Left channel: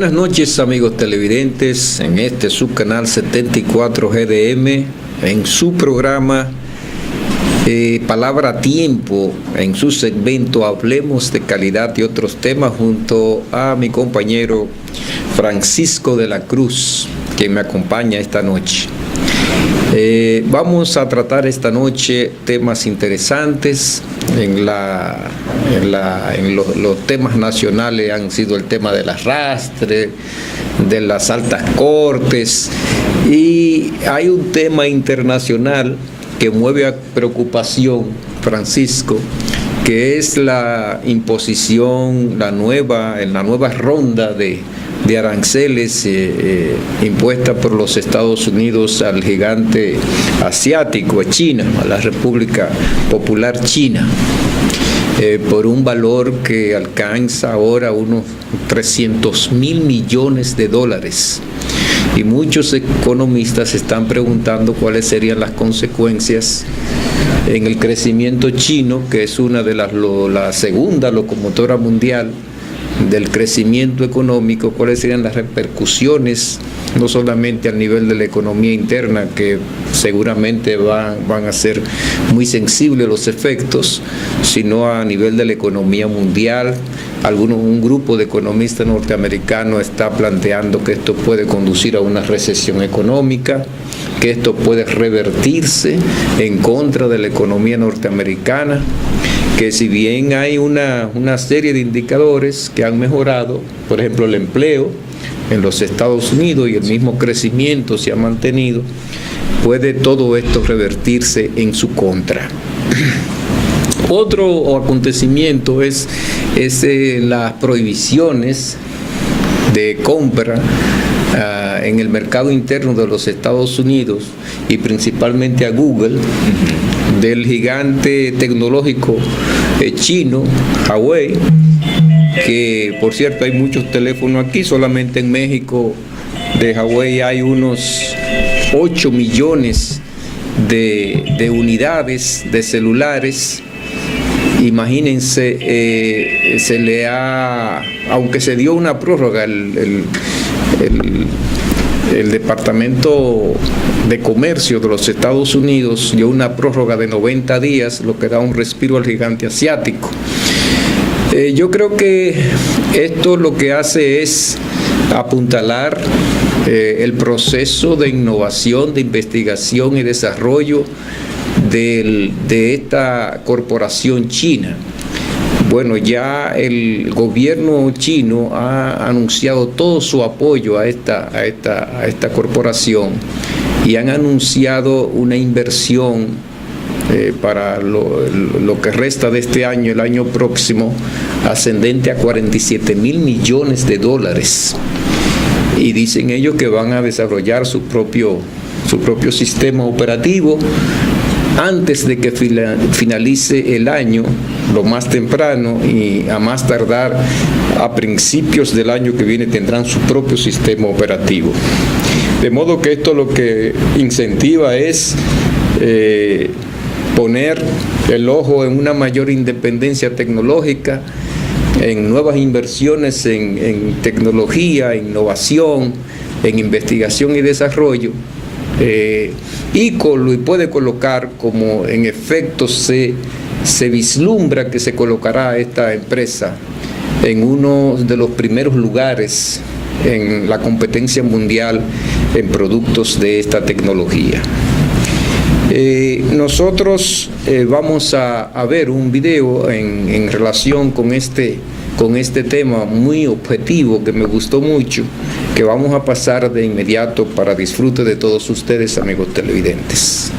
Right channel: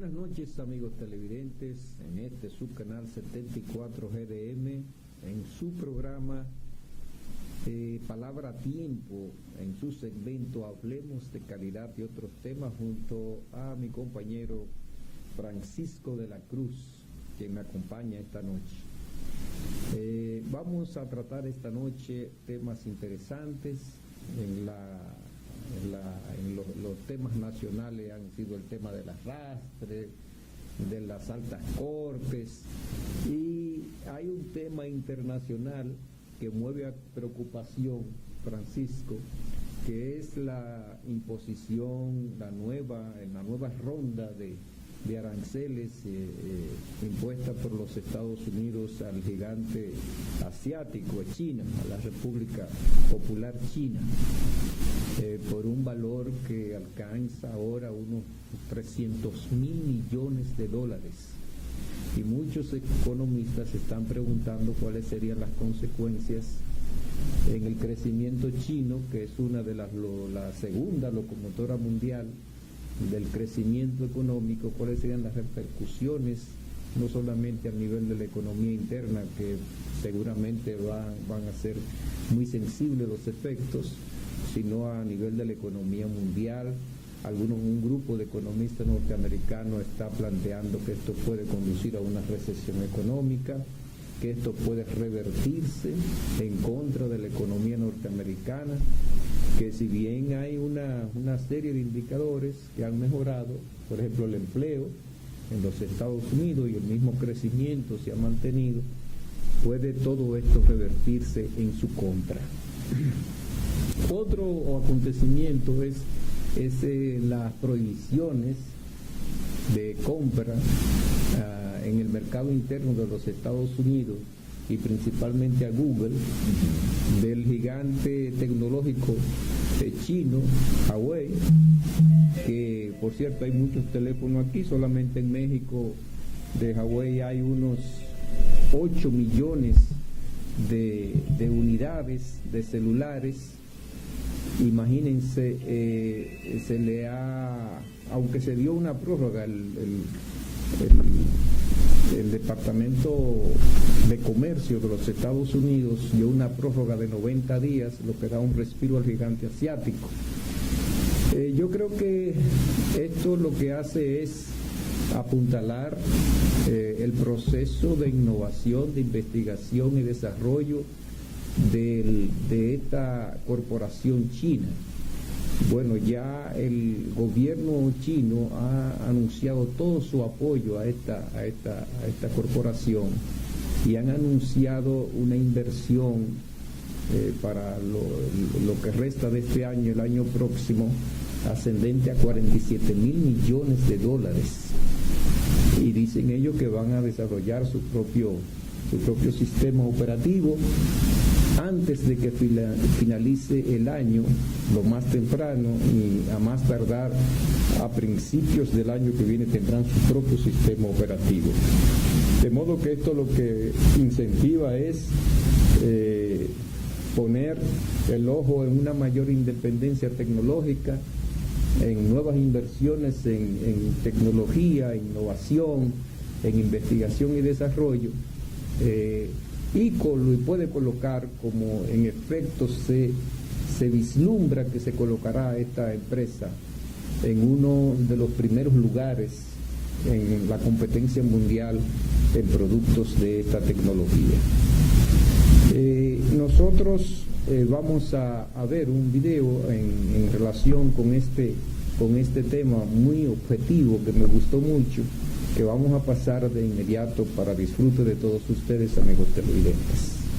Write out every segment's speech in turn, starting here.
Buenas noches, amigos televidentes, en este subcanal 74 GDM, en su programa Palabra a Tiempo, en su segmento Hablemos de Calidad y otros temas, junto a mi compañero Francisco de la Cruz, quien me acompaña esta noche. Vamos a tratar esta noche temas interesantes. Los temas nacionales han sido el tema del arrastre, de las altas cortes, y hay un tema internacional que mueve a preocupación, Francisco, que es la imposición, en la nueva ronda de aranceles impuesta por los Estados Unidos al gigante asiático, a China, a la República Popular China, por un valor que alcanza ahora unos 300.000 millones de dólares. Y muchos economistas están preguntando cuáles serían las consecuencias en el crecimiento chino, que es una de la segunda locomotora mundial del crecimiento económico, cuáles serían las repercusiones, no solamente al nivel de la economía interna, que seguramente van a ser muy sensibles los efectos, sino a nivel de la economía mundial. Un grupo de economistas norteamericanos está planteando que esto puede conducir a una recesión económica, que esto puede revertirse en contra de la economía norteamericana, que si bien hay una serie de indicadores que han mejorado, por ejemplo el empleo en los Estados Unidos y el mismo crecimiento se ha mantenido, puede todo esto revertirse en su contra. Otro acontecimiento es las prohibiciones de compra en el mercado interno de los Estados Unidos y principalmente a Google, del gigante tecnológico chino, Huawei, que por cierto hay muchos teléfonos aquí, solamente en México de Huawei hay unos 8 millones de unidades de celulares. Imagínense, aunque se dio una prórroga, el Departamento de Comercio de los Estados Unidos dio una prórroga de 90 días, lo que da un respiro al gigante asiático. Yo creo que esto lo que hace es apuntalar el proceso de innovación, de investigación y desarrollo de esta corporación china. Bueno, ya el gobierno chino ha anunciado todo su apoyo a esta corporación y han anunciado una inversión para lo que resta de este año, el año próximo, ascendente a 47.000 millones de dólares. Y dicen ellos que van a desarrollar su propio sistema operativo antes de que finalice el año, lo más temprano, y a más tardar a principios del año que viene tendrán su propio sistema operativo. De modo que esto lo que incentiva es poner el ojo en una mayor independencia tecnológica, en nuevas inversiones en tecnología, innovación, en investigación y desarrollo, y puede colocar, como en efecto se vislumbra que se colocará esta empresa en uno de los primeros lugares en la competencia mundial en productos de esta tecnología. Nosotros vamos a ver un video en relación con este tema muy objetivo que me gustó mucho, que vamos a pasar de inmediato para disfrute de todos ustedes, amigos televidentes.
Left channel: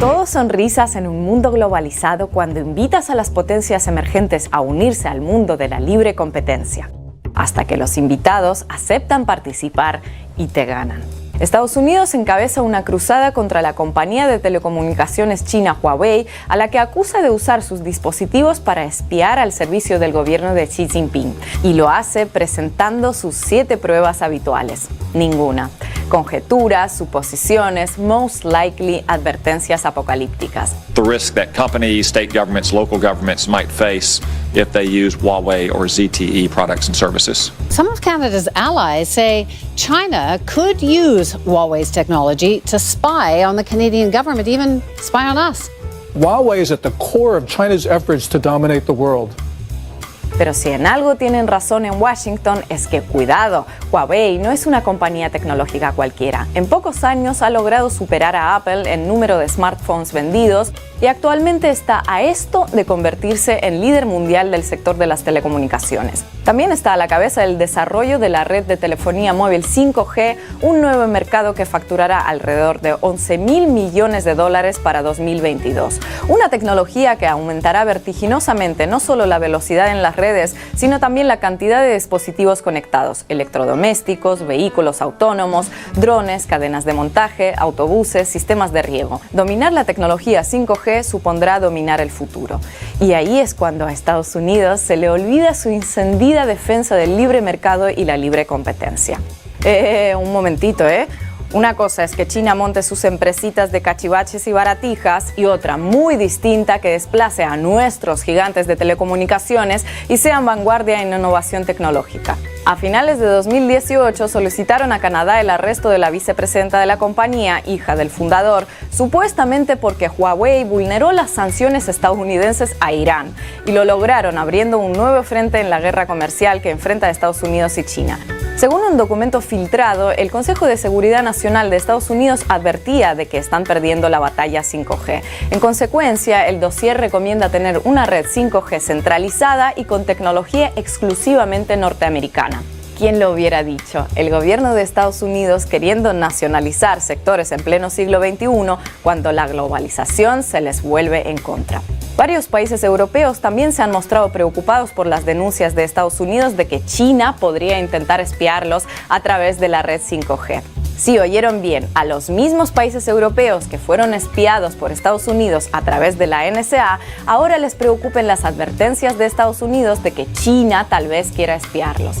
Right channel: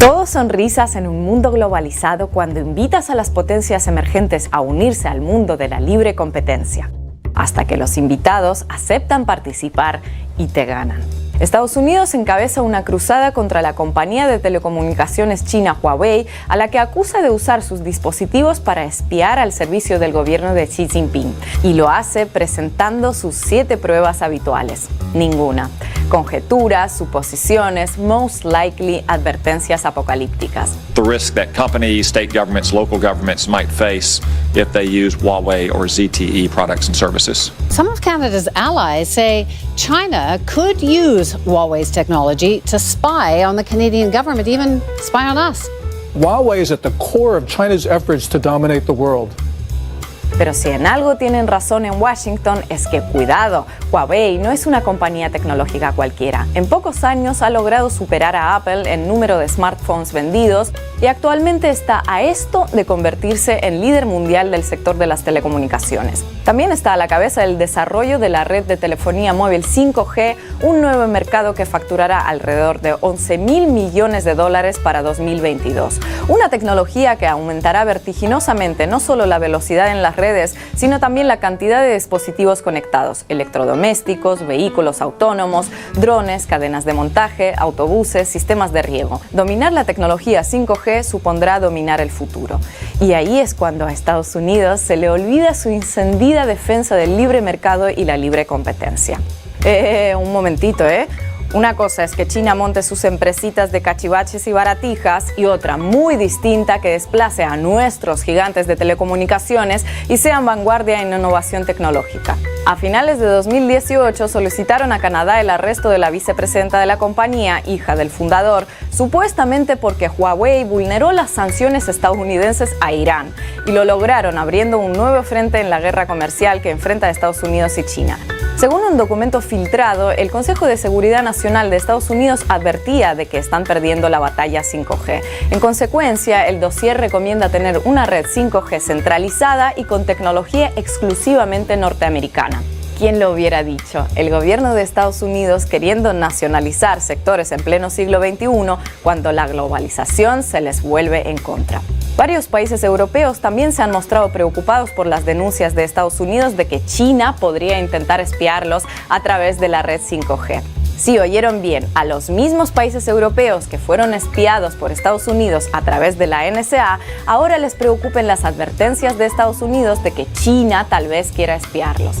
Todo sonrisas en un mundo globalizado cuando invitas a las potencias emergentes a unirse al mundo de la libre competencia, hasta que los invitados aceptan participar y te ganan. Estados Unidos encabeza una cruzada contra la compañía de telecomunicaciones china Huawei, a la que acusa de usar sus dispositivos para espiar al servicio del gobierno de Xi Jinping, y lo hace presentando sus 7 pruebas habituales. Ninguna. Conjeturas, suposiciones, most likely advertencias apocalípticas. The risk that companies, state governments, local governments might face if they use Huawei or ZTE products and services. Some of Canada's allies say China could use Huawei's technology to spy on the Canadian government, even spy on us. Huawei is at the core of China's efforts to dominate the world. Pero si en algo tienen razón en Washington es que, cuidado, Huawei no es una compañía tecnológica cualquiera. En pocos años ha logrado superar a Apple en número de smartphones vendidos y actualmente está a esto de convertirse en líder mundial del sector de las telecomunicaciones. También está a la cabeza del desarrollo de la red de telefonía móvil 5G, un nuevo mercado que facturará alrededor de $11,000 millones para 2022. Una tecnología que aumentará vertiginosamente no solo la velocidad en las redes, sino también la cantidad de dispositivos conectados, electrodomésticos, vehículos autónomos, drones, cadenas de montaje, autobuses, sistemas de riego. Dominar la tecnología 5G supondrá dominar el futuro. Y ahí es cuando a Estados Unidos se le olvida su encendida defensa del libre mercado y la libre competencia. Un momentito, Una cosa es que China monte sus empresitas de cachivaches y baratijas y otra muy distinta que desplace a nuestros gigantes de telecomunicaciones y sean vanguardia en innovación tecnológica. A finales de 2018 solicitaron a Canadá el arresto de la vicepresidenta de la compañía, hija del fundador, supuestamente porque Huawei vulneró las sanciones estadounidenses a Irán, y lo lograron abriendo un nuevo frente en la guerra comercial que enfrenta a Estados Unidos y China. Según un documento filtrado, el Consejo de Seguridad Nacional de Estados Unidos advertía de que están perdiendo la batalla 5G. En consecuencia, el dossier recomienda tener una red 5G centralizada y con tecnología exclusivamente norteamericana. ¿Quién lo hubiera dicho? El gobierno de Estados Unidos queriendo nacionalizar sectores en pleno siglo XXI cuando la globalización se les vuelve en contra. Varios países europeos también se han mostrado preocupados por las denuncias de Estados Unidos de que China podría intentar espiarlos a través de la red 5G. Sí, oyeron bien, a los mismos países europeos que fueron espiados por Estados Unidos a través de la NSA, ahora les preocupen las advertencias de Estados Unidos de que China tal vez quiera espiarlos.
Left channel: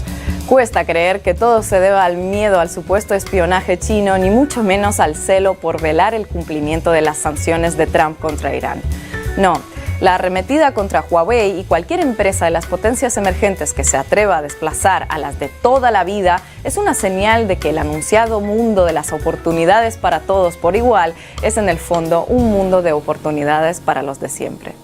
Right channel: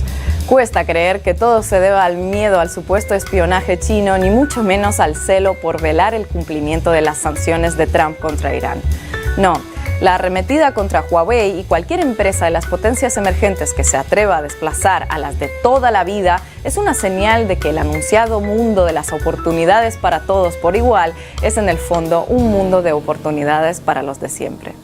Cuesta creer que todo se deba al miedo al supuesto espionaje chino, ni mucho menos al celo por velar el cumplimiento de las sanciones de Trump contra Irán. No. La arremetida contra Huawei y cualquier empresa de las potencias emergentes que se atreva a desplazar a las de toda la vida es una señal de que el anunciado mundo de las oportunidades para todos por igual es en el fondo un mundo de oportunidades para los de siempre.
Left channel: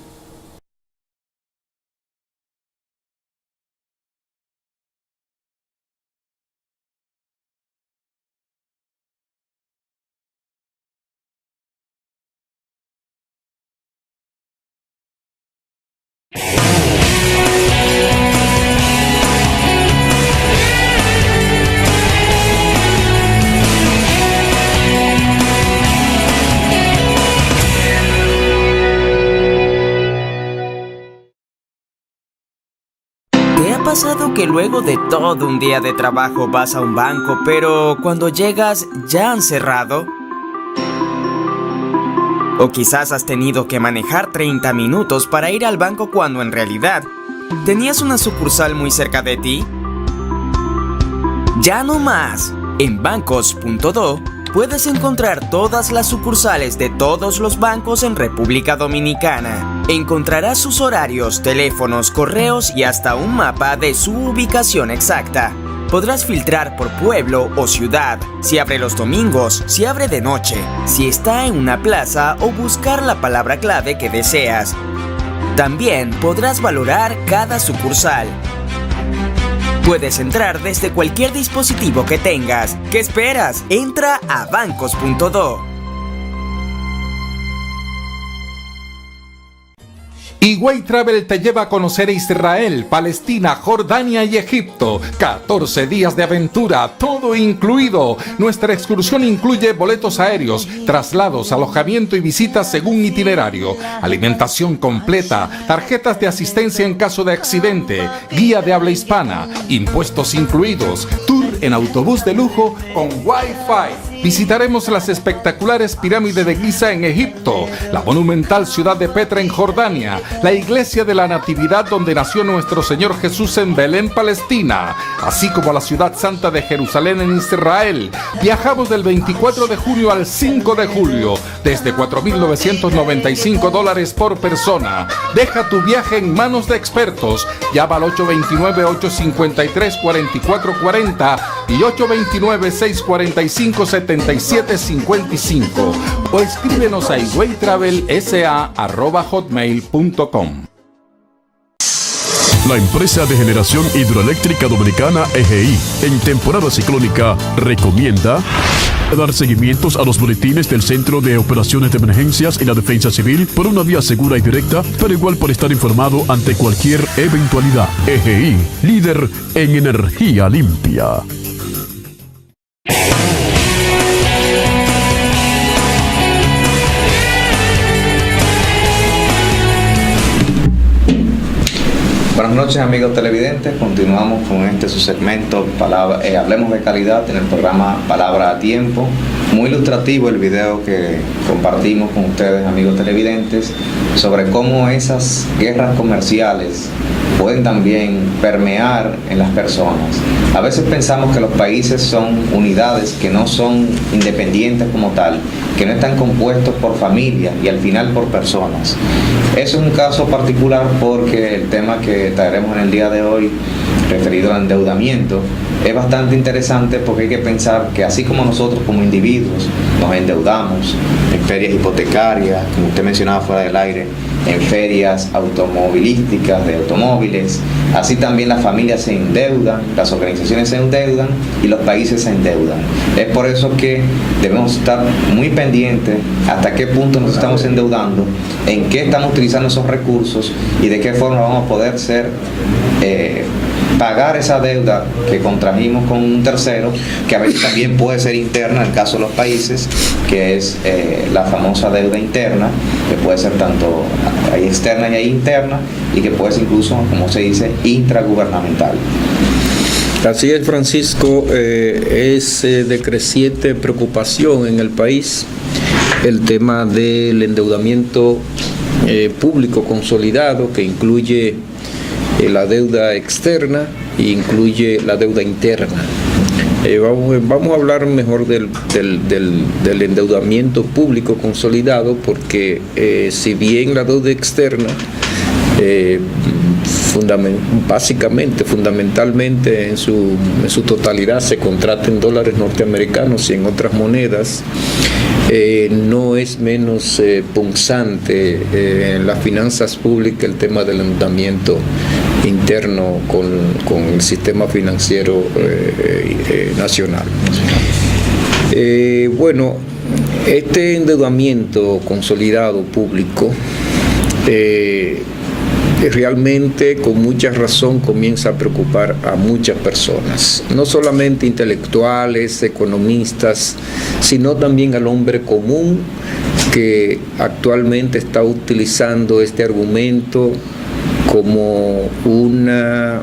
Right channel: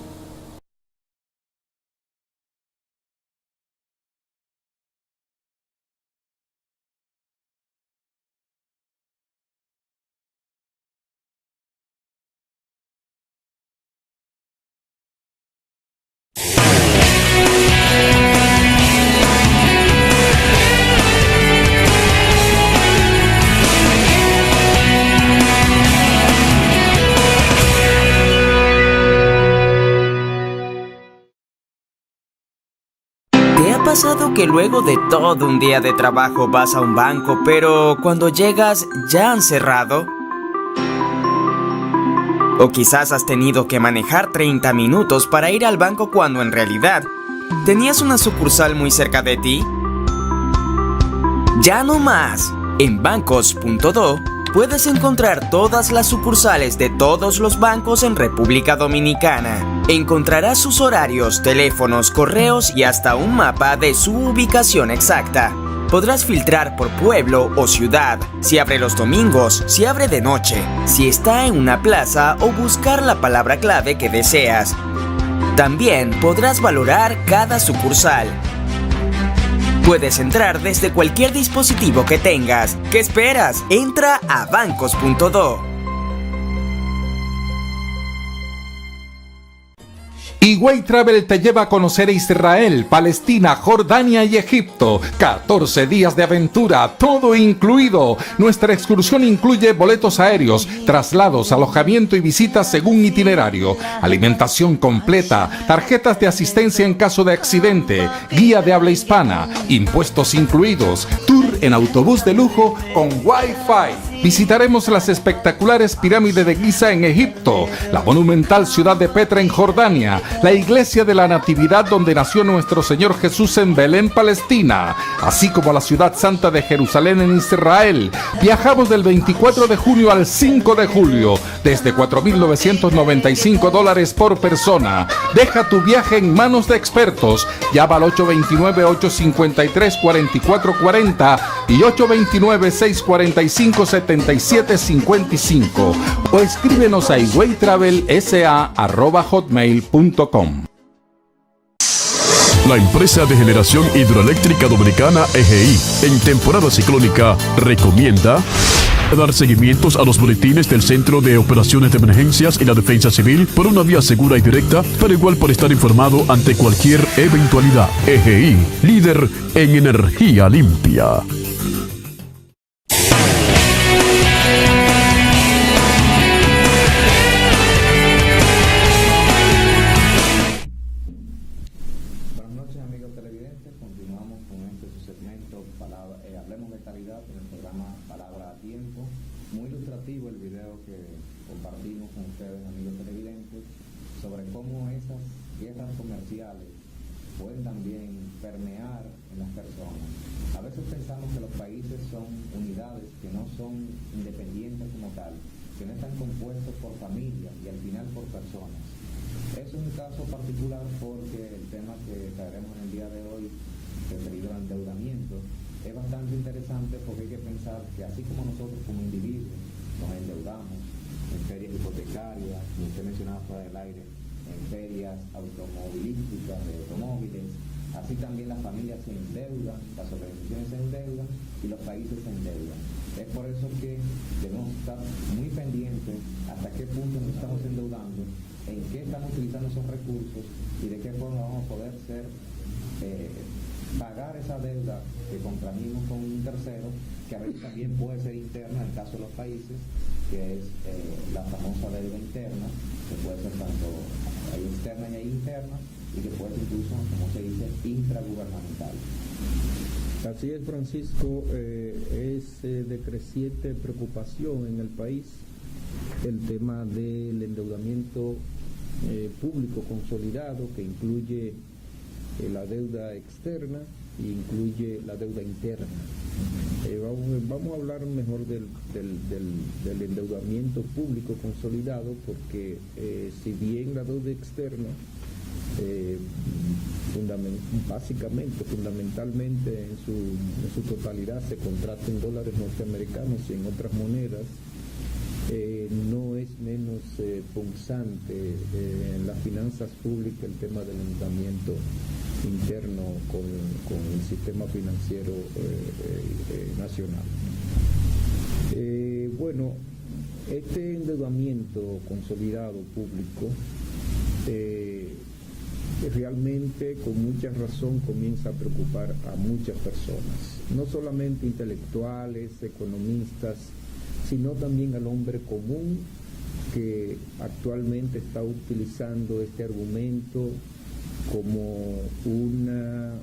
¿Te ha pasado que luego de todo un día de trabajo vas a un banco, pero cuando llegas ya han cerrado? O quizás has tenido que manejar 30 minutos para ir al banco cuando en realidad tenías una sucursal muy cerca de ti. ¡Ya no más! En bancos.do puedes encontrar todas las sucursales de todos los bancos en República Dominicana. Encontrarás sus horarios, teléfonos, correos y hasta un mapa de su ubicación exacta. Podrás filtrar por pueblo o ciudad, si abre los domingos, si abre de noche, si está en una plaza o buscar la palabra clave que deseas. También podrás valorar cada sucursal. Puedes entrar desde cualquier dispositivo que tengas. ¿Qué esperas? Entra a bancos.do. Higüey Travel te lleva a conocer Israel, Palestina, Jordania y Egipto. 14 días de aventura, todo incluido. Nuestra excursión incluye boletos aéreos, traslados, alojamiento y visitas según itinerario, alimentación completa, tarjetas de asistencia en caso de accidente, guía de habla hispana, impuestos incluidos, tour en autobús de lujo con Wi-Fi. visitaremos las espectaculares pirámides de Giza en Egipto, la monumental ciudad de Petra en Jordania, la iglesia de la Natividad donde nació nuestro Señor Jesús en Belén, Palestina, así como la ciudad santa de Jerusalén en Israel. Viajamos del 24 de junio al 5 de julio, desde $4,995 por persona. Deja tu viaje en manos de expertos. Llama al 829-853-4440 y 829-645-7755 o escríbenos a higüeytravelsa@hotmail.com. La empresa de generación hidroeléctrica dominicana EGI, en temporada ciclónica, recomienda dar seguimientos a los boletines del Centro de Operaciones de Emergencias y la Defensa Civil por una vía segura y directa, pero igual por estar informado ante cualquier eventualidad. EGI, líder en energía limpia. Buenas noches, amigos televidentes. Continuamos con su segmento Hablemos de Calidad en el programa Palabra a Tiempo. Muy ilustrativo el video que compartimos con ustedes, amigos televidentes, sobre cómo esas guerras comerciales pueden también permear en las personas. A veces pensamos que los países son unidades que no son independientes como tal, que no están compuestos por familias y al final por personas. Eso es un caso particular porque el tema que traeremos en el día de hoy, referido al endeudamiento, es bastante interesante porque hay que pensar que así como nosotros como individuos nos endeudamos en ferias hipotecarias, como usted mencionaba fuera del aire, en ferias automovilísticas de automóviles, así también las familias se endeudan, las organizaciones se endeudan y los países se endeudan. Es por eso que debemos estar muy pendientes hasta qué punto nos estamos endeudando, en qué estamos utilizando esos recursos y de qué forma vamos a poder pagar esa deuda que contrajimos con un tercero, que a veces también puede ser interna en el caso de los países, que es la famosa deuda interna, que puede ser tanto hay externa y hay interna, y que puede ser incluso, como se dice, intragubernamental. Así es, Francisco, es de creciente preocupación en el país el tema del endeudamiento público consolidado, que incluye la deuda externa e incluye la deuda interna. Vamos a hablar mejor del endeudamiento público consolidado, porque si bien la deuda externa fundamentalmente en su totalidad se contrata en dólares norteamericanos y en otras monedas, no es menos punzante en las finanzas públicas el tema del endeudamiento interno con el sistema financiero nacional. Bueno, este endeudamiento consolidado público realmente con mucha razón comienza a preocupar a muchas personas, no solamente intelectuales, economistas, sino también al hombre común que actualmente está utilizando este argumento como una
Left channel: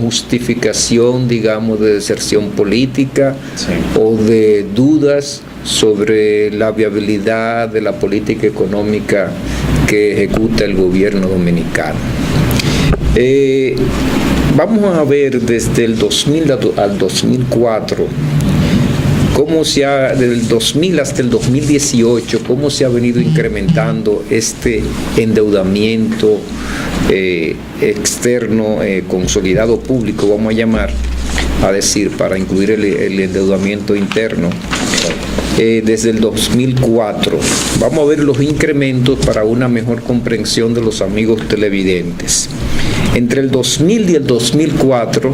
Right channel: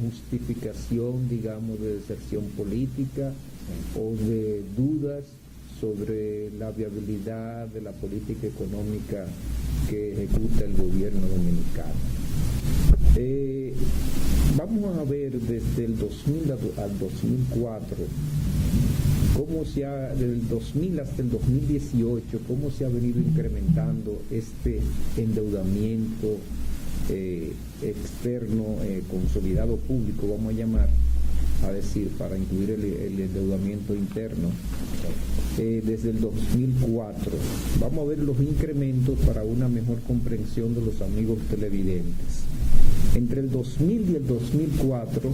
justificación, digamos, de deserción política, sí, o de dudas sobre la viabilidad de la política económica que ejecuta el gobierno dominicano. Vamos a ver desde el 2000 al 2004, del 2000 hasta el 2018, cómo se ha venido incrementando este endeudamiento externo consolidado público, vamos a decir, para incluir el endeudamiento interno. Desde el 2004. Vamos a ver los incrementos para una mejor comprensión de los amigos televidentes. Entre el 2000 y el 2004,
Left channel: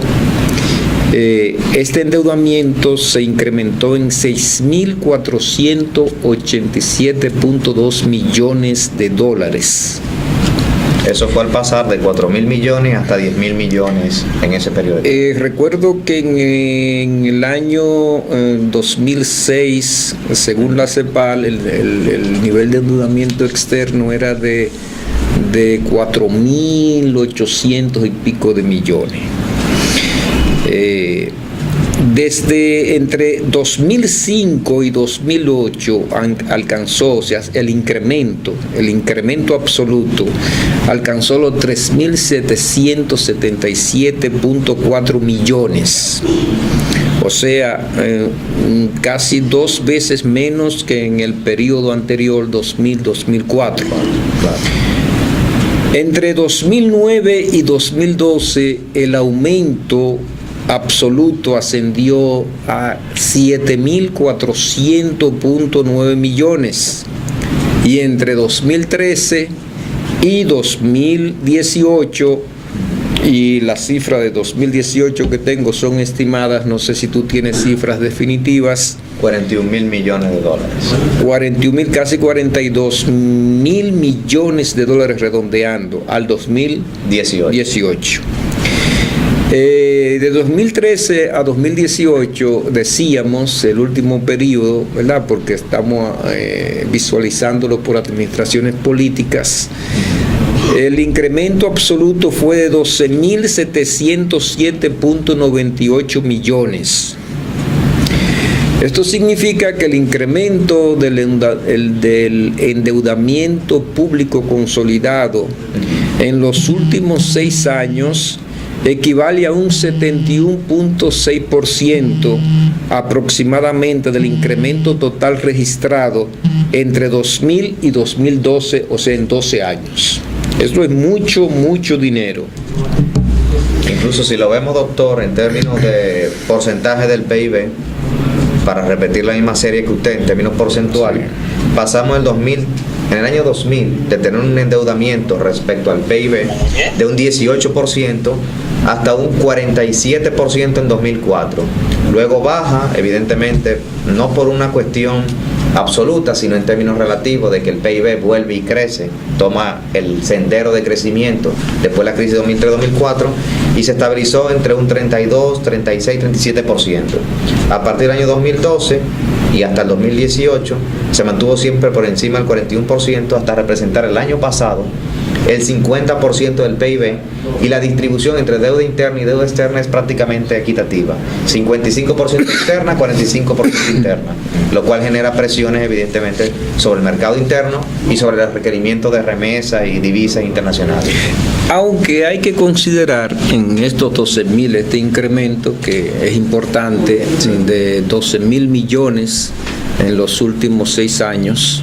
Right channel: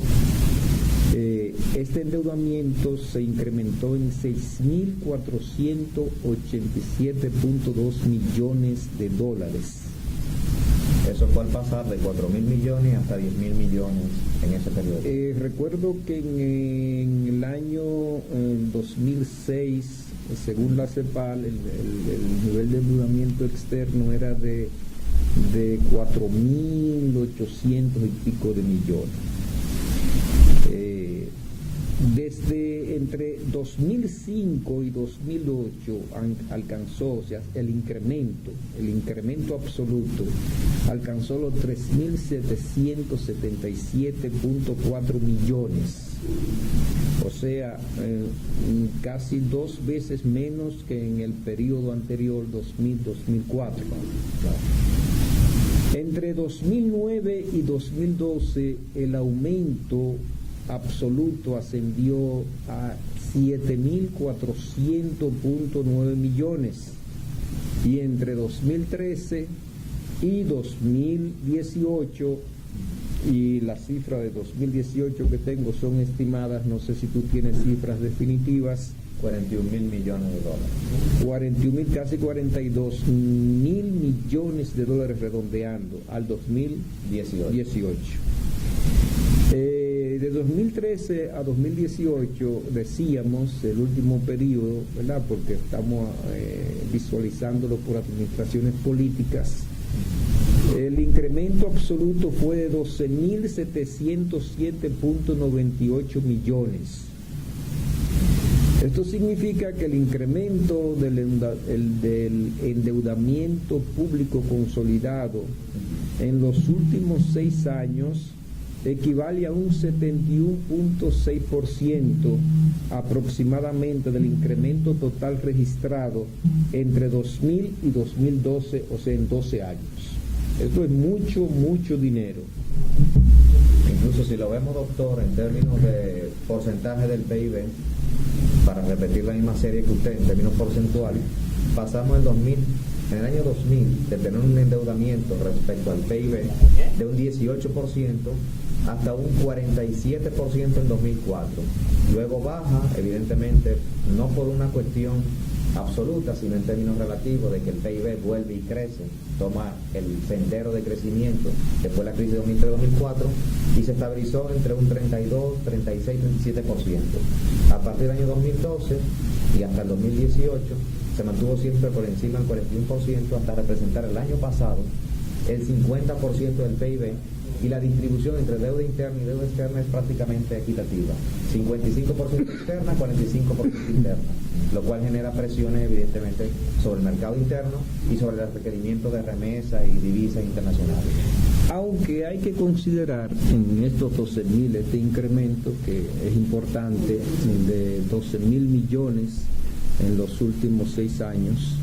este endeudamiento se incrementó en $6,487.2 millones. Eso fue al pasar de 4.000 millones hasta 10.000 millones en ese periodo. Recuerdo que en el año 2006, según la CEPAL, el nivel de endeudamiento externo era de 4.800 y pico de millones. Desde entre 2005 y 2008 alcanzó, o sea, el incremento absoluto alcanzó los 3.777.4 millones. O sea, casi 2 veces menos que en el periodo anterior, 2000-2004. Entre 2009 y 2012, el aumento absoluto ascendió a 7.400.9 millones. Y entre 2013 y 2018, y las cifras de 2018 que tengo son estimadas, no sé si tú tienes cifras definitivas. 41.000 millones de dólares. 41.000, casi 42.000 millones de dólares redondeando al 2018. De 2013 a 2018 decíamos el último periodo, ¿verdad? Porque estamos visualizándolo por administraciones políticas. El incremento absoluto fue de 12.707.98 millones. Esto significa que el incremento del endeudamiento público consolidado en los últimos 6 años equivale a un 71.6% aproximadamente del incremento total registrado entre 2000 y 2012, o sea, en 12 años. Esto es mucho dinero. Incluso si lo vemos, doctor, en términos de porcentaje del PIB, para repetir la misma serie que usted, en términos porcentuales, pasamos en el año 2000 de tener un endeudamiento respecto al PIB de un 18% hasta un 47% en 2004. Luego baja, evidentemente, no por una cuestión absoluta, sino en términos relativos de que el PIB vuelve y crece, toma el sendero de crecimiento después de la crisis 2003-2004 y se estabilizó entre un 32, 36, 37%. A partir del año 2012 y hasta el 2018 se mantuvo siempre por encima del 41% hasta representar el año pasado el 50% del PIB, y la distribución entre deuda interna y deuda externa es prácticamente equitativa, 55% externa, 45% interna, lo cual genera presiones evidentemente sobre el mercado interno y sobre el requerimiento de remesas y divisas internacionales. Aunque hay que considerar en estos 12.000 este incremento que es importante, de 12.000 millones en los últimos 6 años,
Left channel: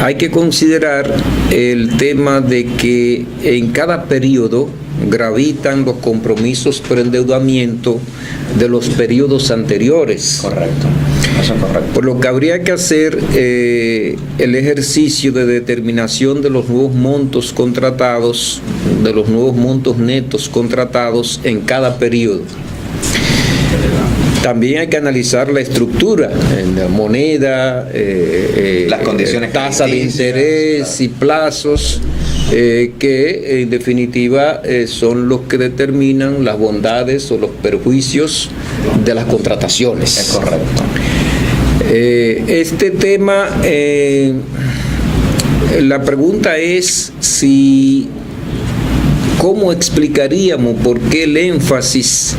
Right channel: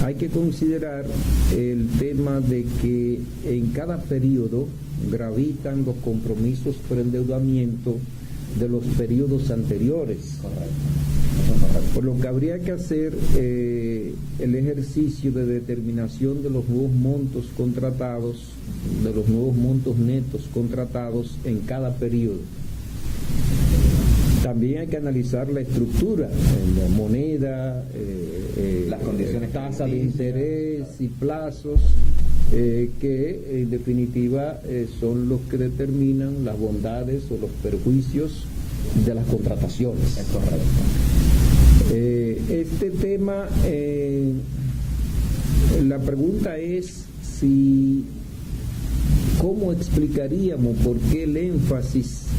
hay que considerar el tema de que en cada periodo gravitan los compromisos por endeudamiento de los periodos anteriores. Correcto, eso es correcto. Por lo que habría que hacer el ejercicio de determinación de los nuevos montos contratados, de los nuevos montos netos contratados en cada periodo. También hay que analizar la estructura, la moneda, las condiciones, tasa de interés y plazos, que en definitiva son los que determinan las bondades o los perjuicios de las contrataciones. Es correcto. Este tema, la pregunta es ¿cómo explicaríamos por qué el énfasis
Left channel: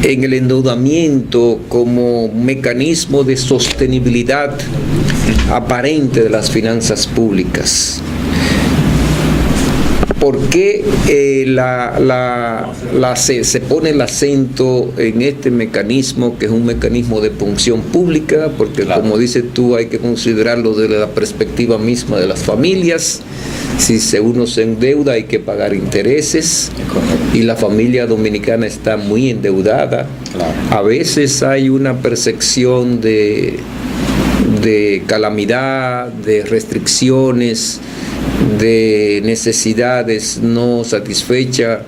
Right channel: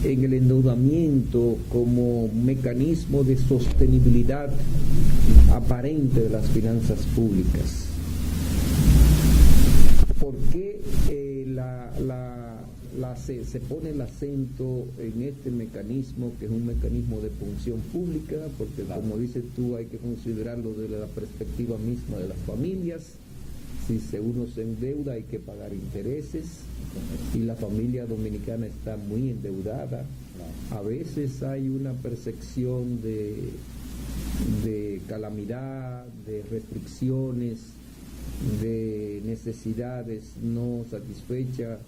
en el endeudamiento como mecanismo de sostenibilidad aparente de las finanzas públicas? ¿Por qué se pone el acento en este mecanismo, que es un mecanismo de punción pública? Porque claro, como dices tú, hay que considerarlo desde la perspectiva misma de las familias. Si uno se endeuda, hay que pagar intereses, y la familia dominicana está muy endeudada. Claro. A veces hay una percepción de calamidad, de restricciones, de necesidades no satisfechas,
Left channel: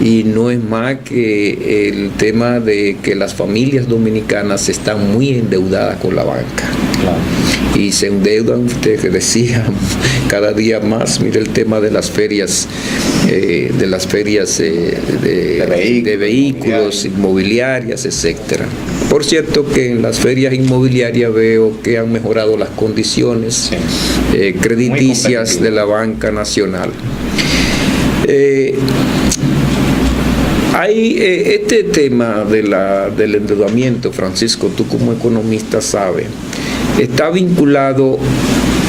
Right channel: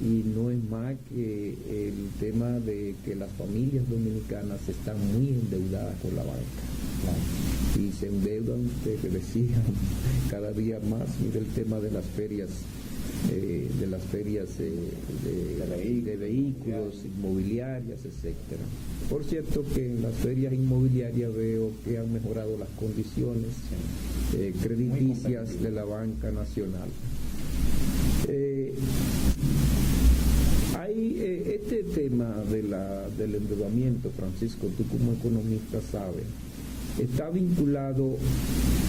y no es más que el tema de que las familias dominicanas están muy endeudadas con la banca. Claro. Y se endeudan, usted decía, cada día más. Mire el tema de las ferias, de vehículos, inmobiliarias, etcétera. Por cierto que en las ferias inmobiliarias veo que han mejorado las condiciones crediticias de la banca nacional. Hay este tema del endeudamiento, Francisco, tú como economista sabes, está vinculado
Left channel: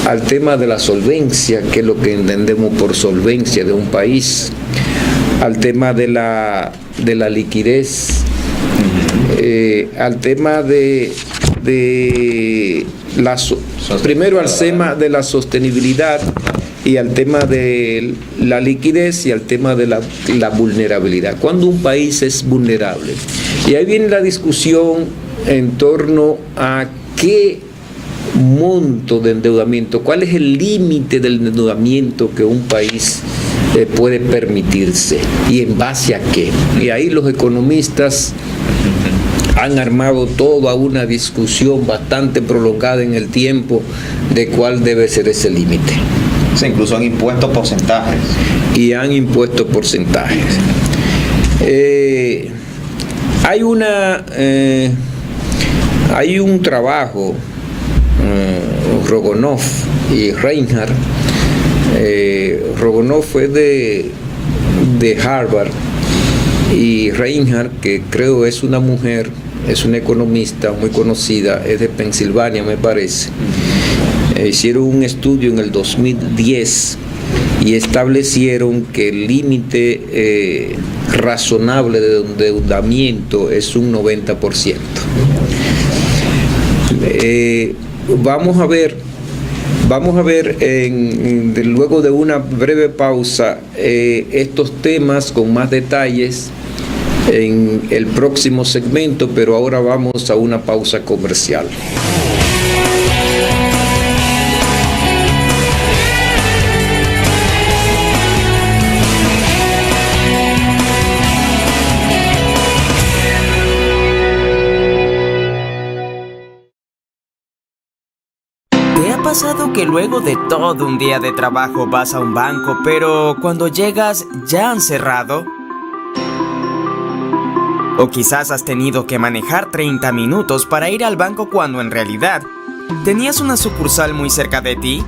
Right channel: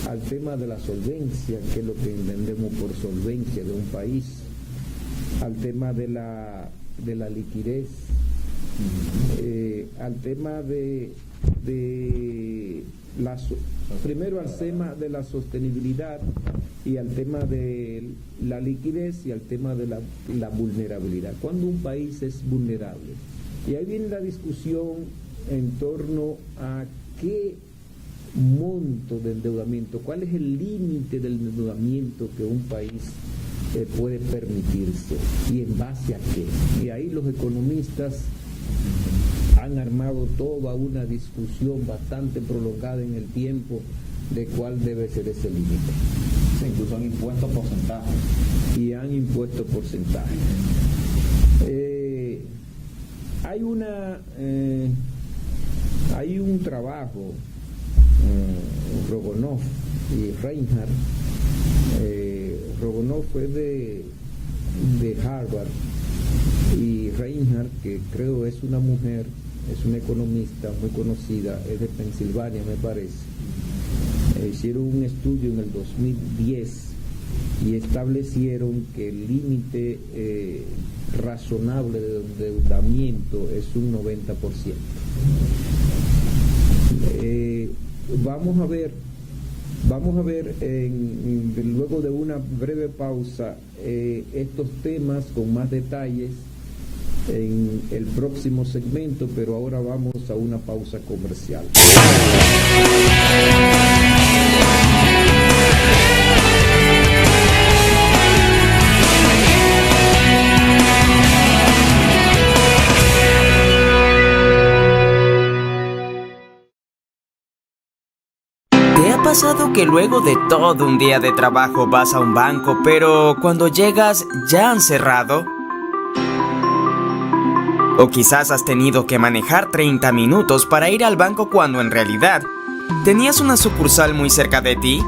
al tema de la solvencia, que es lo que entendemos por solvencia de un país, al tema de la liquidez, al tema primero al tema de la sostenibilidad y al tema de la liquidez y al tema de la vulnerabilidad. Cuando un país es vulnerable. Y ahí viene la discusión en torno a qué monto de endeudamiento, cuál es el límite del endeudamiento que un país puede permitirse y en base a qué. Y ahí los economistas han armado toda una discusión bastante prolongada en el tiempo de cuál debe ser ese límite. Sí, incluso han impuesto porcentajes. Y han impuesto porcentajes. Hay un trabajo, Rogonoff y Reinhardt. Rogonoff fue de Harvard y Reinhardt, que creo es una mujer, es una economista muy conocida, es de Pensilvania, me parece. Hicieron un estudio en el 2010 y establecieron que el límite razonable de endeudamiento es un 90%. Vamos a ver luego de una breve pausa estos temas con más detalles en el próximo segmento, pero ahora vamos a una pausa comercial. ¿Te ha pasado que luego de todo un día de trabajo vas a un banco, pero cuando llegas ya han cerrado? O quizás has tenido que manejar 30 minutos para ir al banco cuando en realidad tenías una sucursal muy cerca de ti.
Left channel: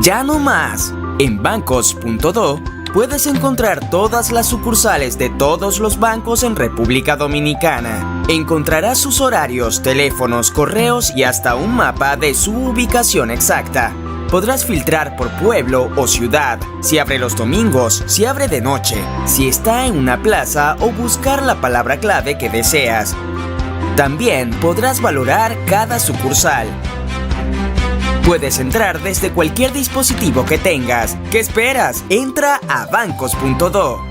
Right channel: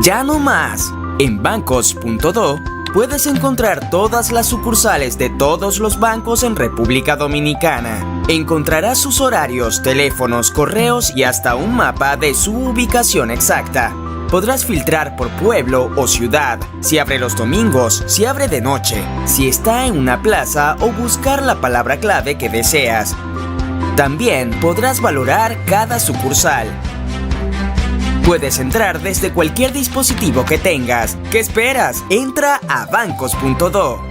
Ya no más. En bancos.do puedes encontrar todas las sucursales de todos los bancos en República Dominicana. Encontrarás sus horarios, teléfonos, correos y hasta un mapa de su ubicación exacta. Podrás filtrar por pueblo o ciudad, si abre los domingos, si abre de noche, si está en una plaza o buscar la palabra clave que deseas. También podrás valorar cada sucursal. Puedes entrar desde cualquier dispositivo que tengas. ¿Qué esperas? Entra a bancos.do.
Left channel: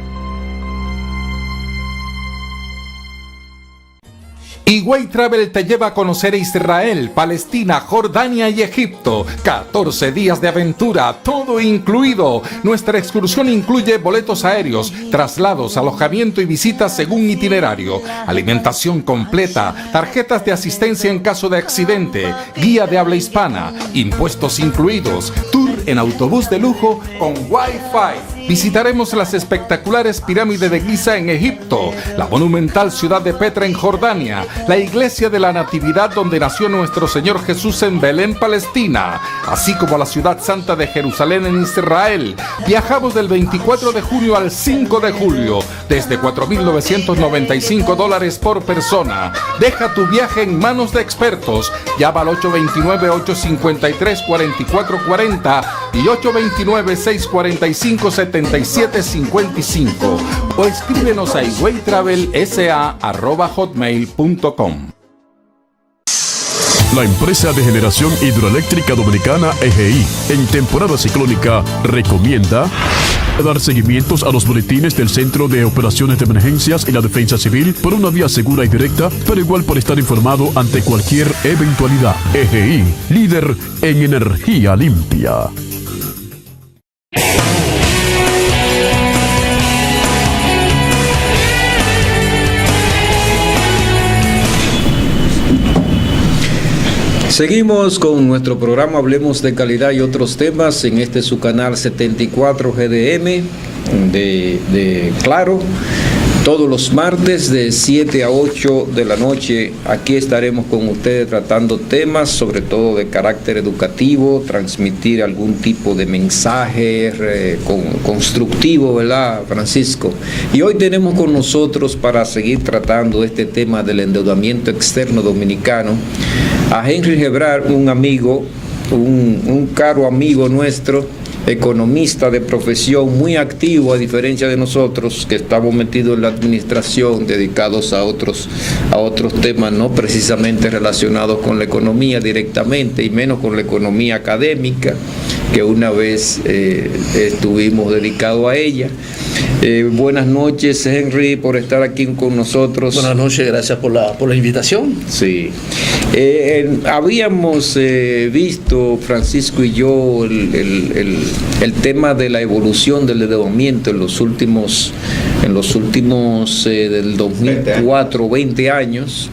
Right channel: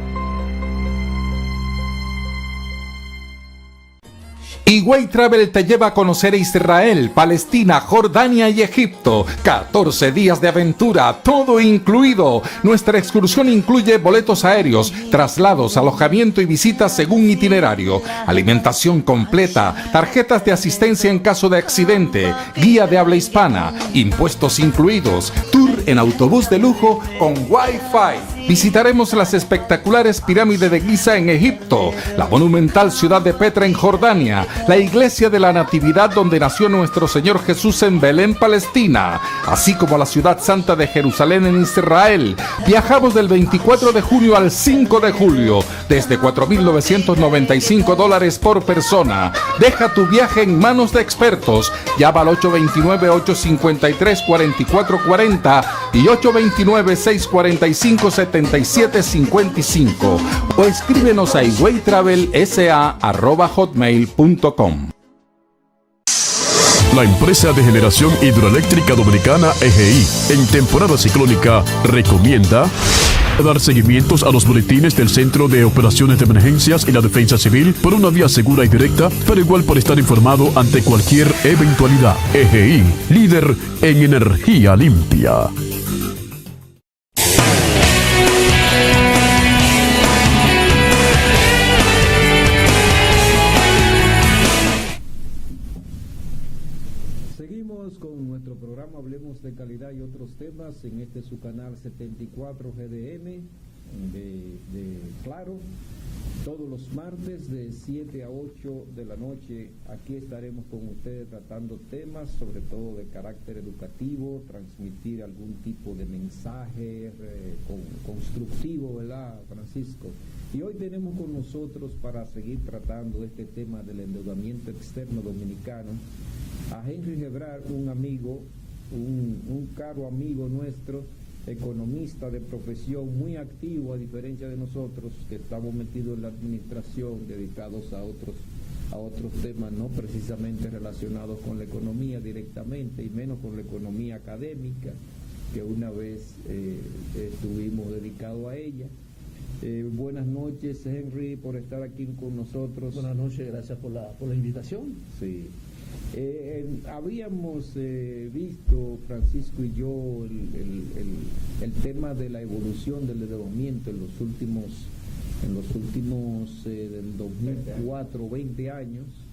Higüey Travel te lleva a conocer Israel, Palestina, Jordania y Egipto. 14 días de aventura, todo incluido. Nuestra excursión incluye boletos aéreos, traslados, alojamiento y visitas según itinerario, alimentación completa, tarjetas de asistencia en caso de accidente, guía de habla hispana, impuestos incluidos, tour en autobús de lujo con Wi-Fi. Visitaremos las espectaculares pirámides de Giza en Egipto, la monumental ciudad de Petra en Jordania, la iglesia de la Natividad donde nació nuestro Señor Jesús en Belén, Palestina, así como la ciudad santa de Jerusalén en Israel. Viajamos del 24 de junio al 5 de julio, desde $4,995 por persona. Deja tu viaje en manos de expertos. Llama al 829-853-4440 y 829-645-7755 o escríbenos a higüeytravelsa@hotmail.com. La empresa de generación hidroeléctrica dominicana EGI, en temporada ciclónica, recomienda dar seguimientos a los boletines del Centro de Operaciones de Emergencias y la Defensa Civil por una vía segura y directa, pero igual por estar informado ante cualquier eventualidad. EGI, líder en energía limpia. Seguimos con nuestro programa Hablemos de Calidad y otros temas en su canal 74 GDM de Claro. Todos los martes de 7 a 8 de la noche, aquí estaremos con ustedes tratando temas, sobre todo de carácter educativo, transmitir algún tipo de mensaje constructivo, ¿verdad, Francisco? Y hoy tenemos con nosotros, para seguir tratando este tema del endeudamiento externo dominicano, a Henry Gebrar, un amigo, un caro amigo nuestro, economista de profesión, muy activo, a diferencia de nosotros que estamos metidos en la administración, dedicados a otros temas no precisamente relacionados con la economía directamente, y menos con la economía académica, que una vez estuvimos dedicados a ella. Buenas noches, Henry, por estar aquí con nosotros. Buenas noches, gracias por la invitación. Sí. Habíamos visto, Francisco y yo, el tema de la evolución del endeudamiento en los últimos del 2004, 20 años,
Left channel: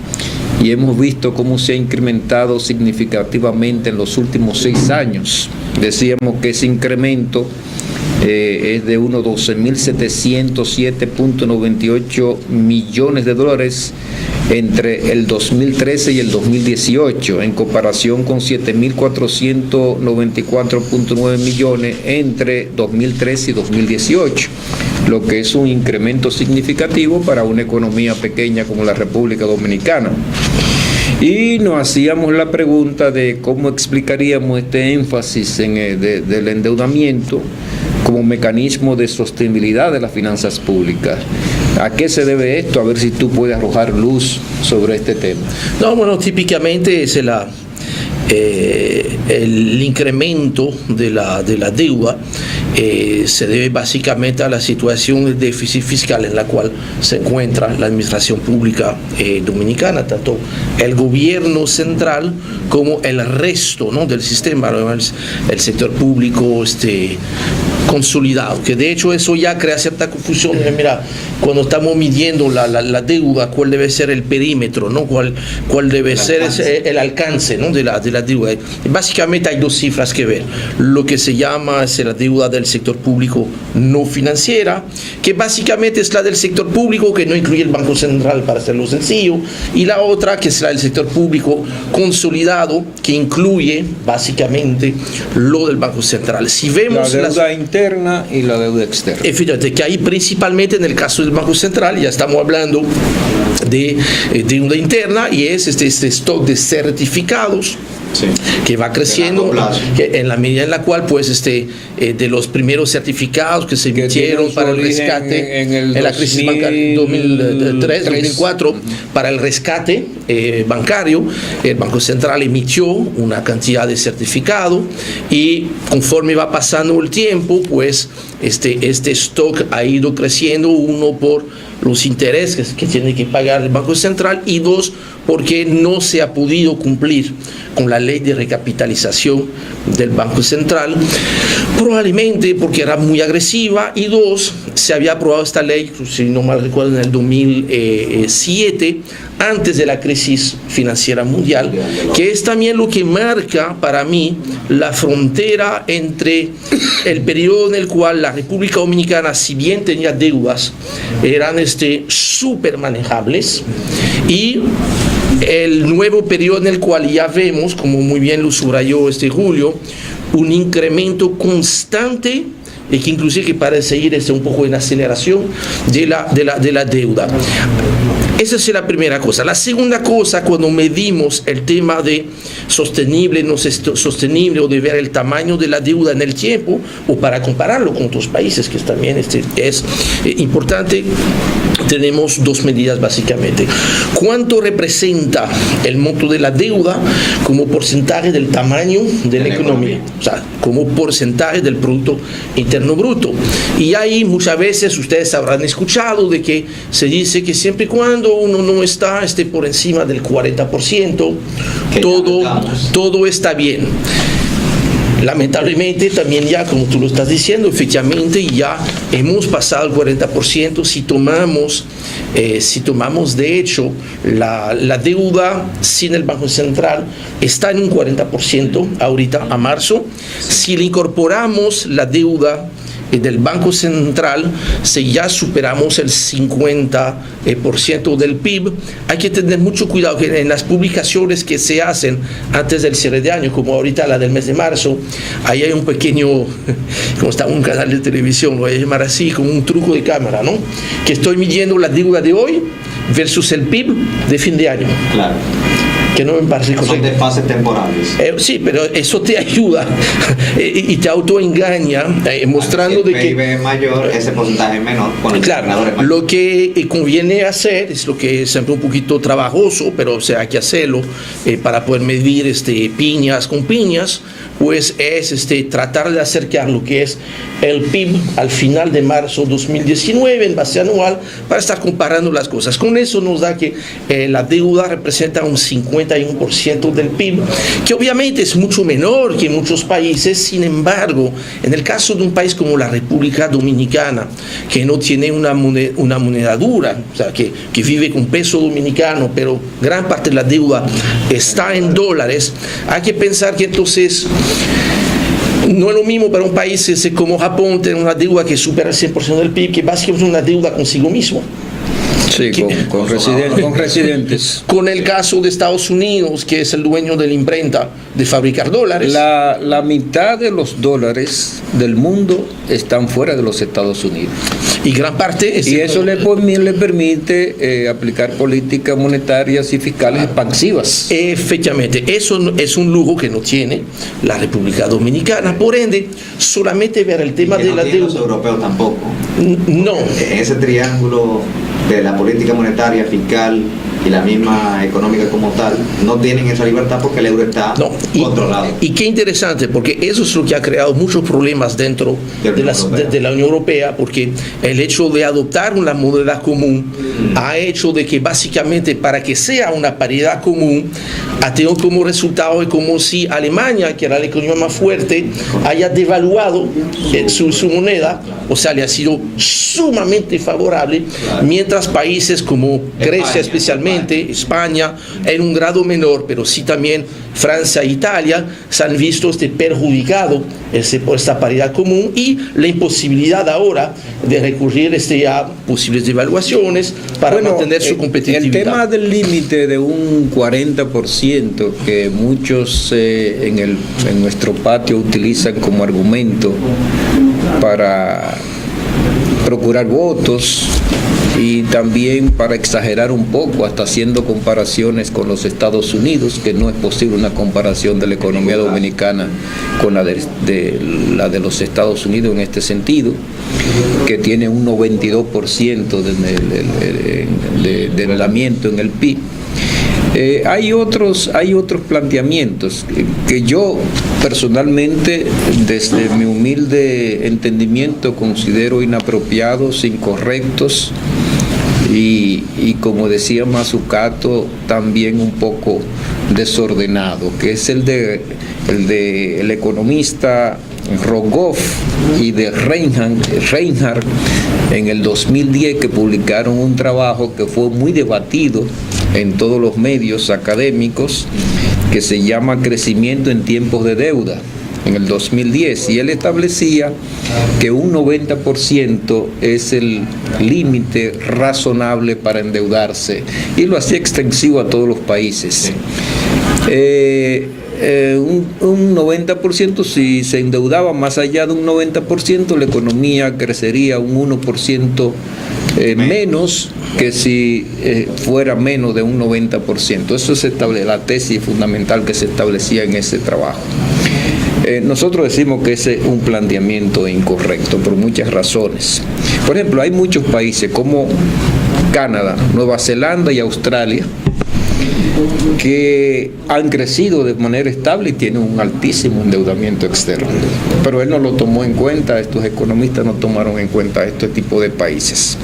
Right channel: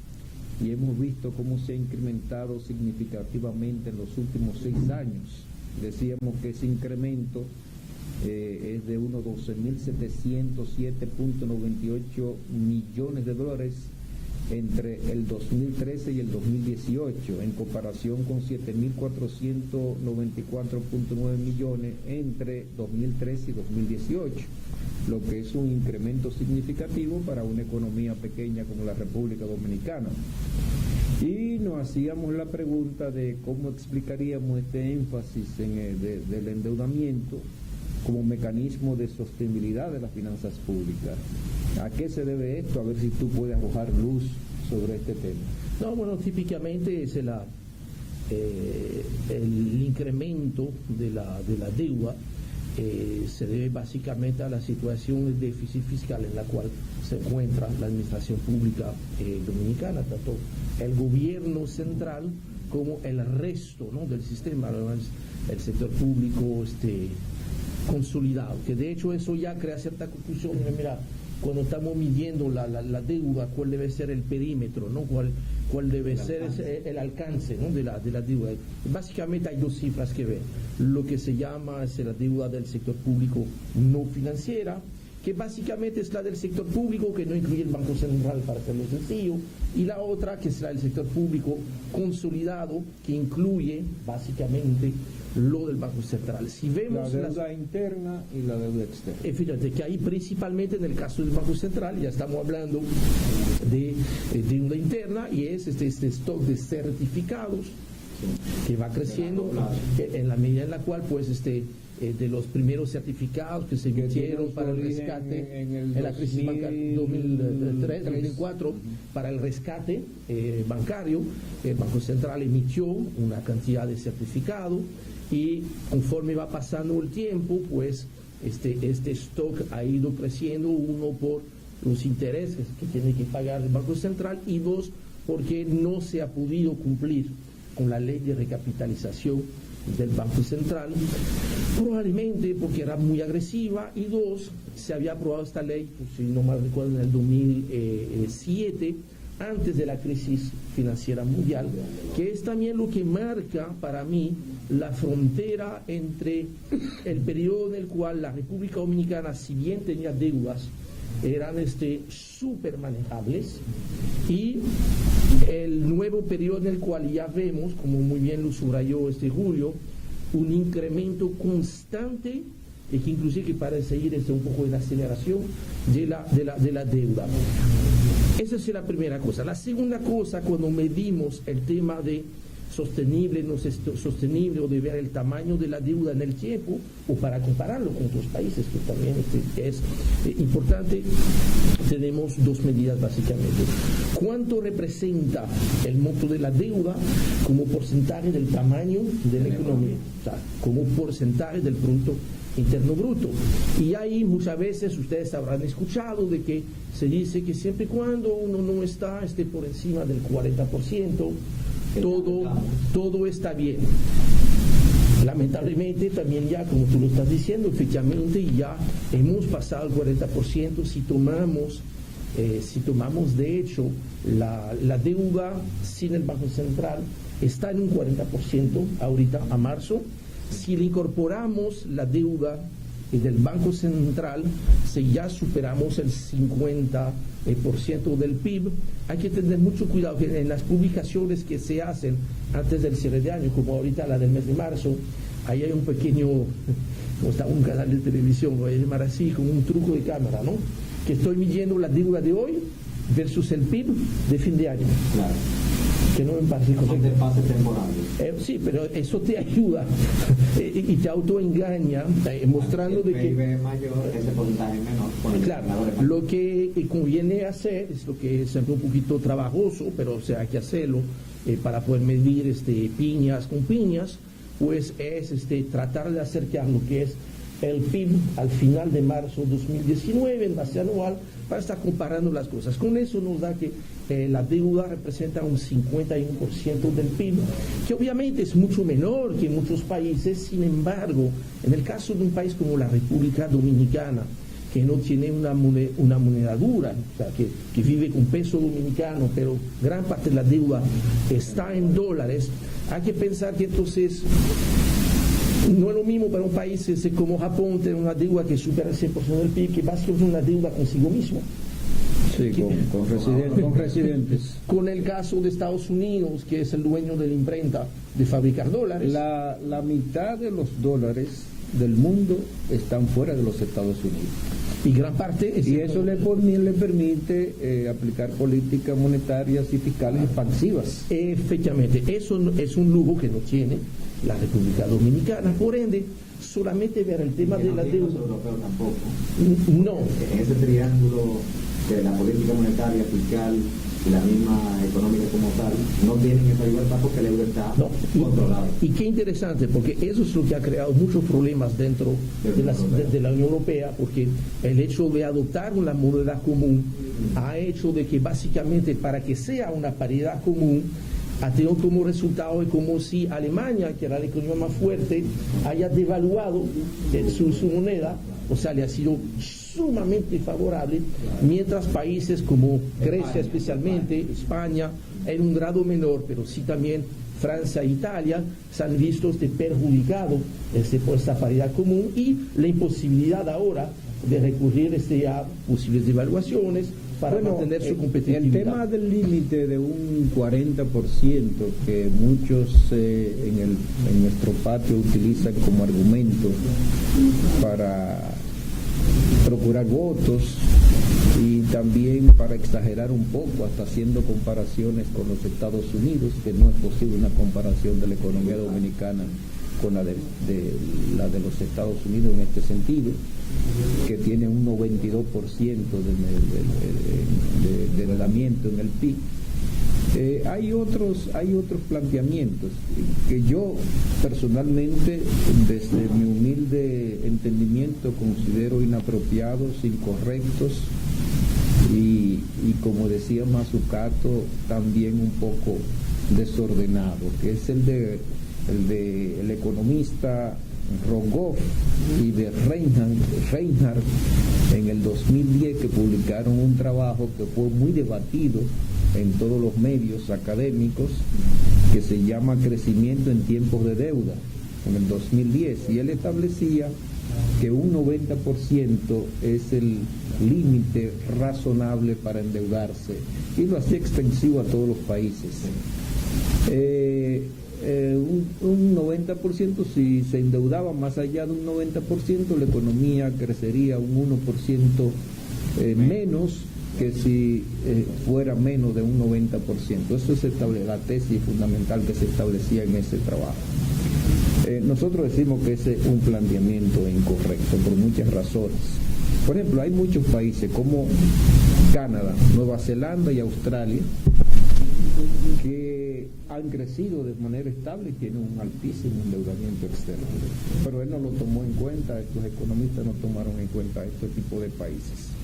y hemos visto cómo se ha incrementado significativamente en los últimos 6 años. Decíamos que ese incremento es de unos 12.707.98 millones de dólares entre el 2013 y el 2018, en comparación con 7.494.9 millones entre 2013 y 2018, lo que es un incremento significativo para una economía pequeña como la República Dominicana. Y nos hacíamos la pregunta de cómo explicaríamos este énfasis del endeudamiento como mecanismo de sostenibilidad de las finanzas públicas. ¿A qué se debe esto? A ver si tú puedes arrojar luz sobre este tema. No, bueno, típicamente es el incremento de la deuda se debe básicamente a la situación de déficit fiscal en la cual se encuentra la administración pública dominicana, tanto el gobierno central como el resto, ¿no?, del sistema, el sector público consolidado, que de hecho eso ya crea cierta confusión. Mira, cuando estamos midiendo la deuda, cuál debe ser el perímetro, ¿no?, cuál debe ser el alcance, ¿no?, de la deuda. Básicamente hay 2 cifras que ver: lo que se llama la deuda del sector público no financiera, que básicamente es la del sector público que no incluye el Banco Central, para hacerlo sencillo, y la otra que es la del sector público consolidado, que incluye básicamente lo del Banco Central. Si vemos la deuda interna y la deuda externa. Fíjate que ahí principalmente en el caso del Banco Central ya estamos hablando de deuda interna, y es este stock de certificados, sí, que va creciendo, que en la medida en la cual pues de los primeros certificados que se emitieron para el rescate en la crisis bancaria 2003-2004, para el rescate bancario, el Banco Central emitió una cantidad de certificados, y conforme va pasando el tiempo, pues este stock ha ido creciendo, uno por los intereses que tiene que pagar el Banco Central, y 2, porque no se ha podido cumplir con la ley de recapitalización del Banco Central, probablemente porque era muy agresiva, y 2, se había aprobado esta ley, si no mal recuerdo, en el 2007, antes de la crisis financiera mundial, que es también lo que marca para mí la frontera entre el periodo en el cual la República Dominicana, si bien tenía deudas, eran súper manejables, y el nuevo periodo en el cual ya vemos, como muy bien lo subrayó Julio, un incremento constante, y que inclusive que parece ir un poco en aceleración de la deuda. Esa es la primera cosa. La segunda cosa, cuando medimos el tema de sostenible, no sostenible, o de ver el tamaño de la deuda en el tiempo, o para compararlo con otros países, que también es importante, tenemos 2 medidas básicamente. ¿Cuánto representa el monto de la deuda como porcentaje del tamaño de la economía? O sea, como porcentaje del Producto Interno Bruto. Y ahí muchas veces ustedes habrán escuchado de que se dice que siempre y cuando uno no está por encima del 40%, todo está bien. Lamentablemente también ya, como tú lo estás diciendo, efectivamente ya hemos pasado el 40%. Si tomamos de hecho la deuda sin el Banco Central, está en un 40% ahorita a marzo. Si le incorporamos la deuda del Banco Central, si ya superamos el 50% del PIB, hay que tener mucho cuidado que en las publicaciones que se hacen antes del cierre de año, como ahorita la del mes de marzo, ahí hay un pequeño, como está un canal de televisión, lo voy a llamar así, como un truco de cámara, ¿no? Que estoy midiendo la deuda de hoy versus el PIB de fin de año. Claro. Que no me parece correcto. Son de fases temporales. Sí, pero eso te ayuda y te autoengaña mostrando si el de que PIB es mayor, ese porcentaje es menor. Claro, lo que conviene hacer es lo que es siempre un poquito trabajoso, pero o sea, hay que hacerlo para poder medir piñas con piñas, pues es tratar de acercar lo que es el PIB al final de marzo 2019 en base anual para estar comparando las cosas. Con eso nos da que la deuda representa un 51% del PIB, que obviamente es mucho menor que en muchos países. Sin embargo, en el caso de un país como la República Dominicana, que no tiene una moneda dura, o sea, que vive con peso dominicano, pero gran parte de la deuda está en dólares, hay que pensar que entonces no es lo mismo para un país como Japón tener una deuda que supera el 100% del PIB, que básicamente es una deuda consigo mismo. Sí, con residentes. Con el caso de Estados Unidos, que es el dueño de la imprenta de fabricar dólares. La mitad de los dólares del mundo están fuera de los Estados Unidos. Y gran parte y eso le permite aplicar políticas monetarias y fiscales expansivas. Efectivamente, eso es un lujo que no tiene la República Dominicana. Por ende, solamente ver el tema de la deuda. Los europeos tampoco. No. En ese triángulo de la política monetaria, fiscal y la misma económica como tal, no tienen esa libertad porque el euro está controlado. Y qué interesante, porque eso es lo que ha creado muchos problemas dentro de la Unión Europea, porque el hecho de adoptar una moneda común ha hecho de que básicamente para que sea una paridad común ha tenido como resultado es como si Alemania, que era la economía más fuerte, haya devaluado su moneda, o sea, le ha sido sumamente favorable, mientras países como Grecia especialmente, España en un grado menor, pero sí también Francia e Italia se han visto perjudicados por esta paridad común y la imposibilidad ahora de recurrir a posibles devaluaciones para mantener su competitividad. El tema del límite de un 40% que muchos en nuestro patio utilizan como argumento para procurar votos y también para exagerar un poco, hasta haciendo comparaciones con los Estados Unidos, que no es posible una comparación de la economía dominicana con la de los Estados Unidos en este sentido, que tiene un 92% de endeudamiento en el PIB. Hay otros planteamientos que yo personalmente, desde mi humilde entendimiento, considero inapropiados, incorrectos y como decía Mazzucato, también un poco desordenado, que es el economista Rogoff y de Reinhardt en el 2010, que publicaron un trabajo que fue muy debatido en todos los medios académicos, que se llama Crecimiento en tiempos de deuda, en el 2010, y él establecía que un 90% es el límite razonable para endeudarse, y lo hacía extensivo a todos los países. Un 90%, si se endeudaba más allá de un 90%, la economía crecería un 1% menos que si fuera menos de un 90%. Eso es la tesis fundamental que se establecía en ese trabajo. Nosotros decimos que ese es un planteamiento incorrecto por muchas razones. Por ejemplo, hay muchos países como Canadá, Nueva Zelanda y Australia que han crecido de manera estable y tienen un altísimo endeudamiento externo. Pero él no lo tomó en cuenta, estos economistas no tomaron en cuenta este tipo de países.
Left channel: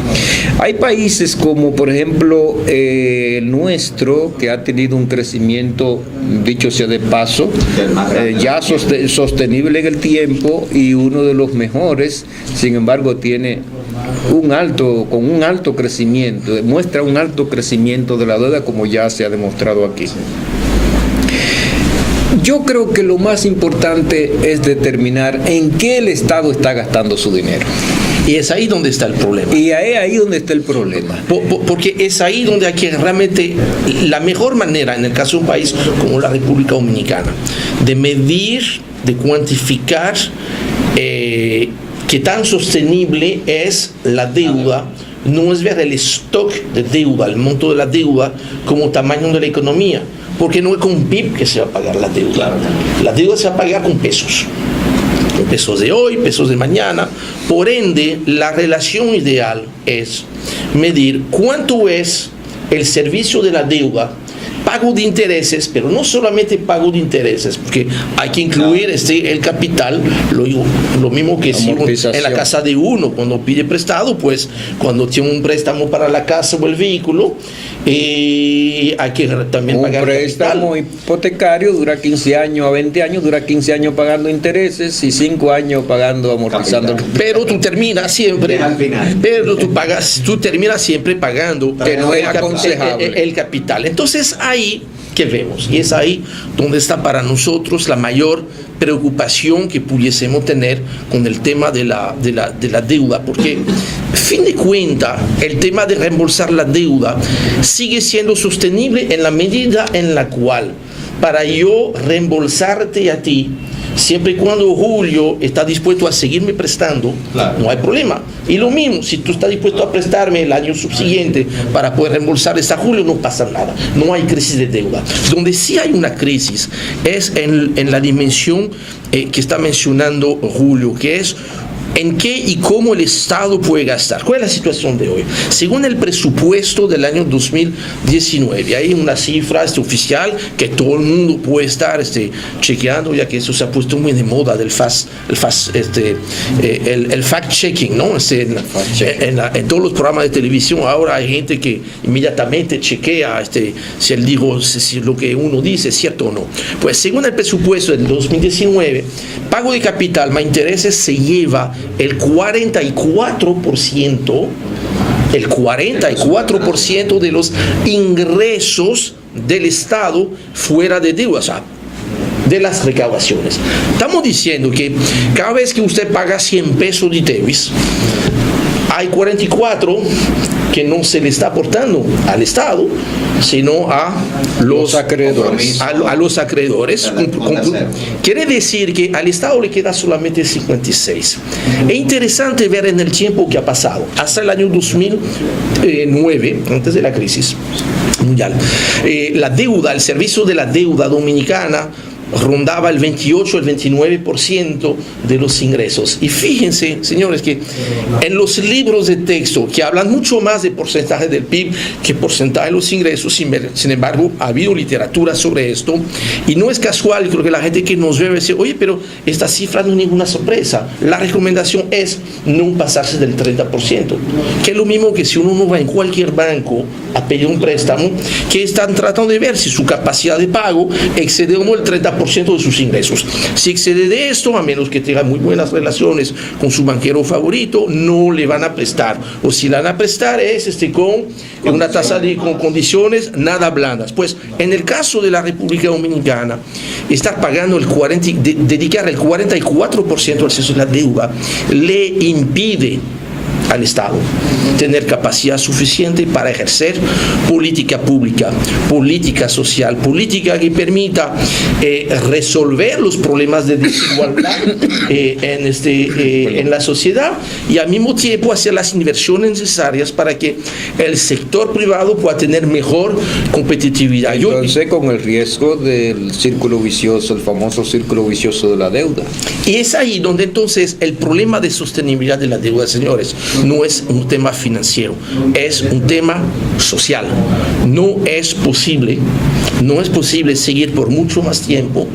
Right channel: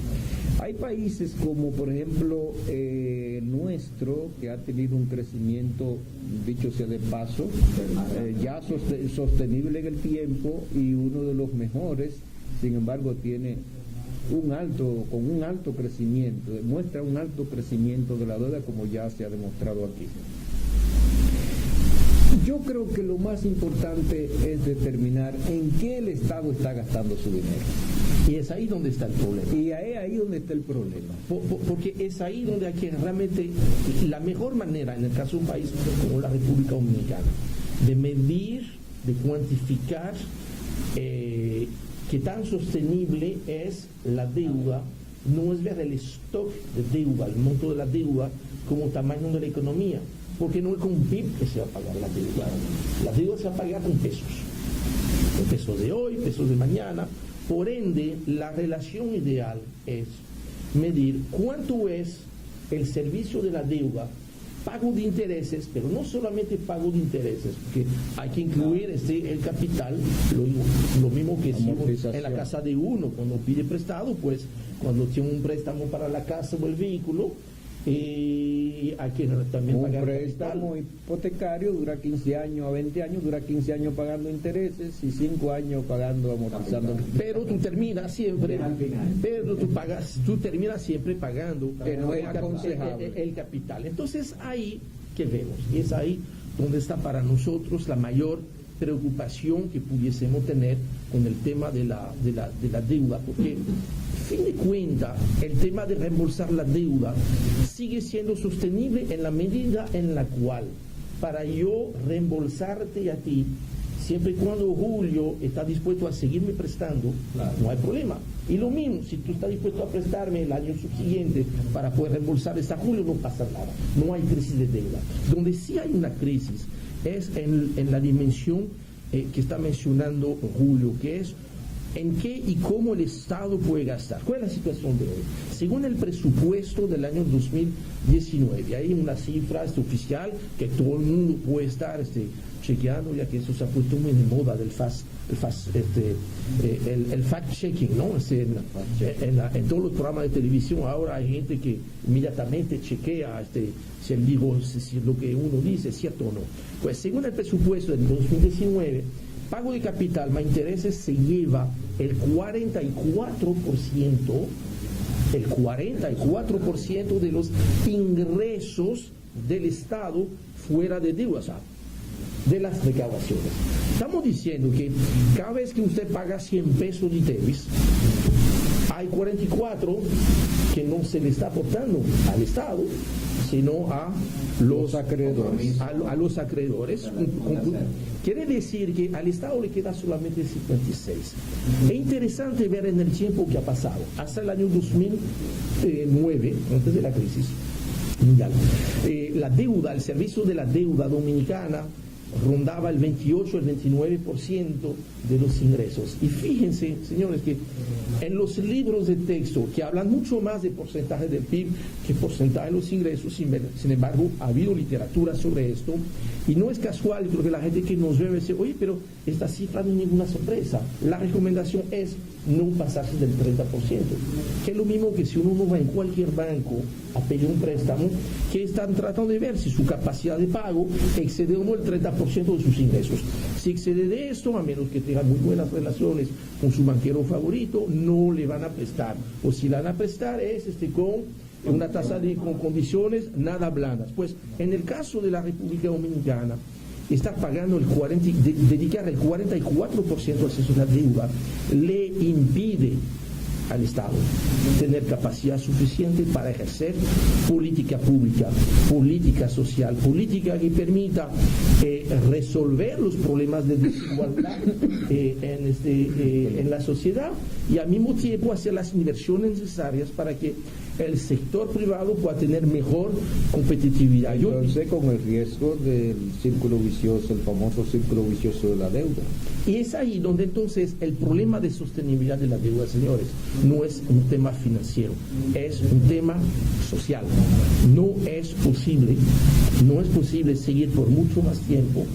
Hay países como, por ejemplo, el nuestro, que ha tenido un crecimiento, dicho sea de paso, ya sostenible en el tiempo y uno de los mejores, sin embargo, tiene un alto crecimiento, demuestra un alto crecimiento de la deuda, como ya se ha demostrado aquí. Yo creo que lo más importante es determinar en qué el Estado está gastando su dinero. Y es ahí donde está el problema. Y es ahí donde está el problema. Porque es ahí donde hay que realmente, la mejor manera, en el caso de un país como la República Dominicana, de medir, de cuantificar qué tan sostenible es la deuda, no es ver el stock de deuda, el monto de la deuda, como tamaño de la economía. Porque no es con PIB que se va a pagar la deuda. La deuda se va a pagar con pesos. Pesos de hoy, pesos de mañana. Por ende, la relación ideal es medir cuánto es el servicio de la deuda, pago de intereses, pero no solamente pago de intereses, porque hay que incluir el capital, lo mismo que si en la casa de uno, cuando pide prestado, pues cuando tiene un préstamo para la casa o el vehículo, hay que también pagar un préstamo hipotecario dura 15 años a 20 años, dura 15 años pagando intereses y 5 años pagando, amortizando. Pero tú terminas siempre, tú terminas siempre pagando que no es aconsejable el capital. Entonces ahí que vemos, y es ahí donde está para nosotros la mayor preocupación que pudiésemos tener con el tema de la deuda, porque fin de cuentas el tema de reembolsar la deuda sigue siendo sostenible en la medida en la cual, para yo reembolsarte a ti, siempre y cuando Julio está dispuesto a seguirme prestando, no hay problema. Y lo mismo, si tú estás dispuesto a prestarme el año subsiguiente para poder reembolsarles a Julio, no pasa nada. No hay crisis de deuda. Donde sí hay una crisis es en la dimensión que está mencionando Julio, que es en qué y cómo el Estado puede gastar. ¿Cuál es la situación de hoy? Según el presupuesto del año 2019, hay una cifra oficial que todo el mundo puede estar chequeando, ya que eso se ha puesto muy de moda del el fact-checking, ¿no? En todos los programas de televisión ahora hay gente que inmediatamente chequea si él dijo, si lo que uno dice es cierto o no. Pues según el presupuesto del 2019, pago de capital más intereses se lleva el 44% de los ingresos del Estado fuera de deuda, o sea, de las recaudaciones. Estamos diciendo que cada vez que usted paga 100 pesos de ITEVIS, hay 44 que no se le está aportando al Estado, sino a los acreedores. A los acreedores. Quiere decir que al Estado le queda solamente 56. Es interesante ver en el tiempo que ha pasado. Hasta el año 2009, antes de la crisis mundial, la deuda, el servicio de la deuda dominicana rondaba el 28, el 29% de los ingresos. Y fíjense, señores, que en los libros de texto que hablan mucho más de porcentaje del PIB que porcentaje de los ingresos, sin embargo, ha habido literatura sobre esto, y no es casual, creo que la gente que nos ve dice, oye, pero esta cifra no es ninguna sorpresa. La recomendación es no pasarse del 30%, que es lo mismo que si uno no va en cualquier banco a pedir un préstamo, que están tratando de ver si su capacidad de pago excede o no el 30% de sus ingresos. Si excede de esto, a menos que tenga muy buenas relaciones con su banquero favorito, no le van a prestar. O si le van a prestar es con una tasa con condiciones nada blandas. Pues en el caso de la República Dominicana, estar pagando dedicar el 44% al servicio de la deuda le impide al Estado tener capacidad suficiente para ejercer política pública, política social, política que permita resolver los problemas de desigualdad en la sociedad, y al mismo tiempo hacer las inversiones necesarias para que el sector privado pueda tener mejor competitividad. Entonces, con el riesgo del círculo vicioso, el famoso círculo vicioso de la deuda. Y es ahí donde entonces el problema de sostenibilidad de la deuda, señores, no es un tema financiero, es un tema social. No es posible seguir por mucho más tiempo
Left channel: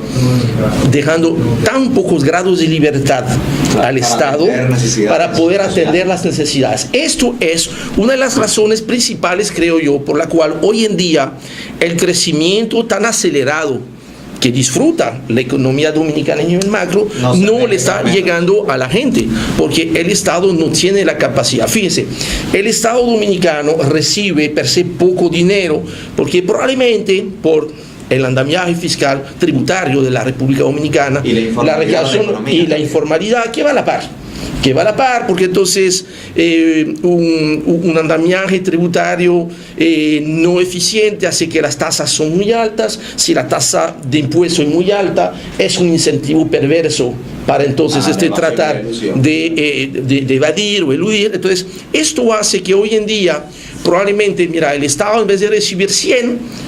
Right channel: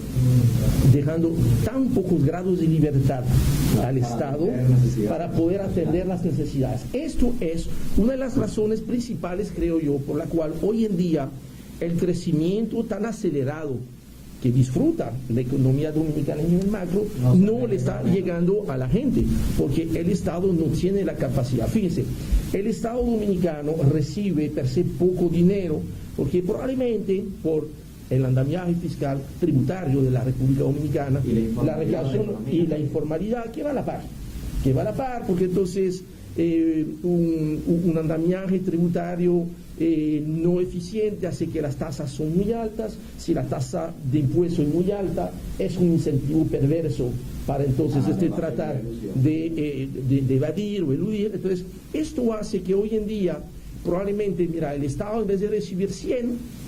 dejando tan pocos grados de libertad al Estado para poder atender las necesidades. Esto es una de las razones principales, creo yo, por la cual hoy en día el crecimiento tan acelerado que disfruta la economía dominicana en nivel macro, no le está llegando a la gente, porque el Estado no tiene la capacidad. Fíjense, el Estado dominicano recibe per se poco dinero, porque probablemente por el andamiaje fiscal tributario de la República Dominicana, la recaudación y la informalidad, que va a la par, porque entonces un andamiaje tributario no eficiente hace que las tasas son muy altas. Si la tasa de impuesto es muy alta, es un incentivo perverso para entonces tratar de evadir o eludir. Entonces, esto hace que hoy en día, probablemente, mira, el Estado en vez de recibir 100,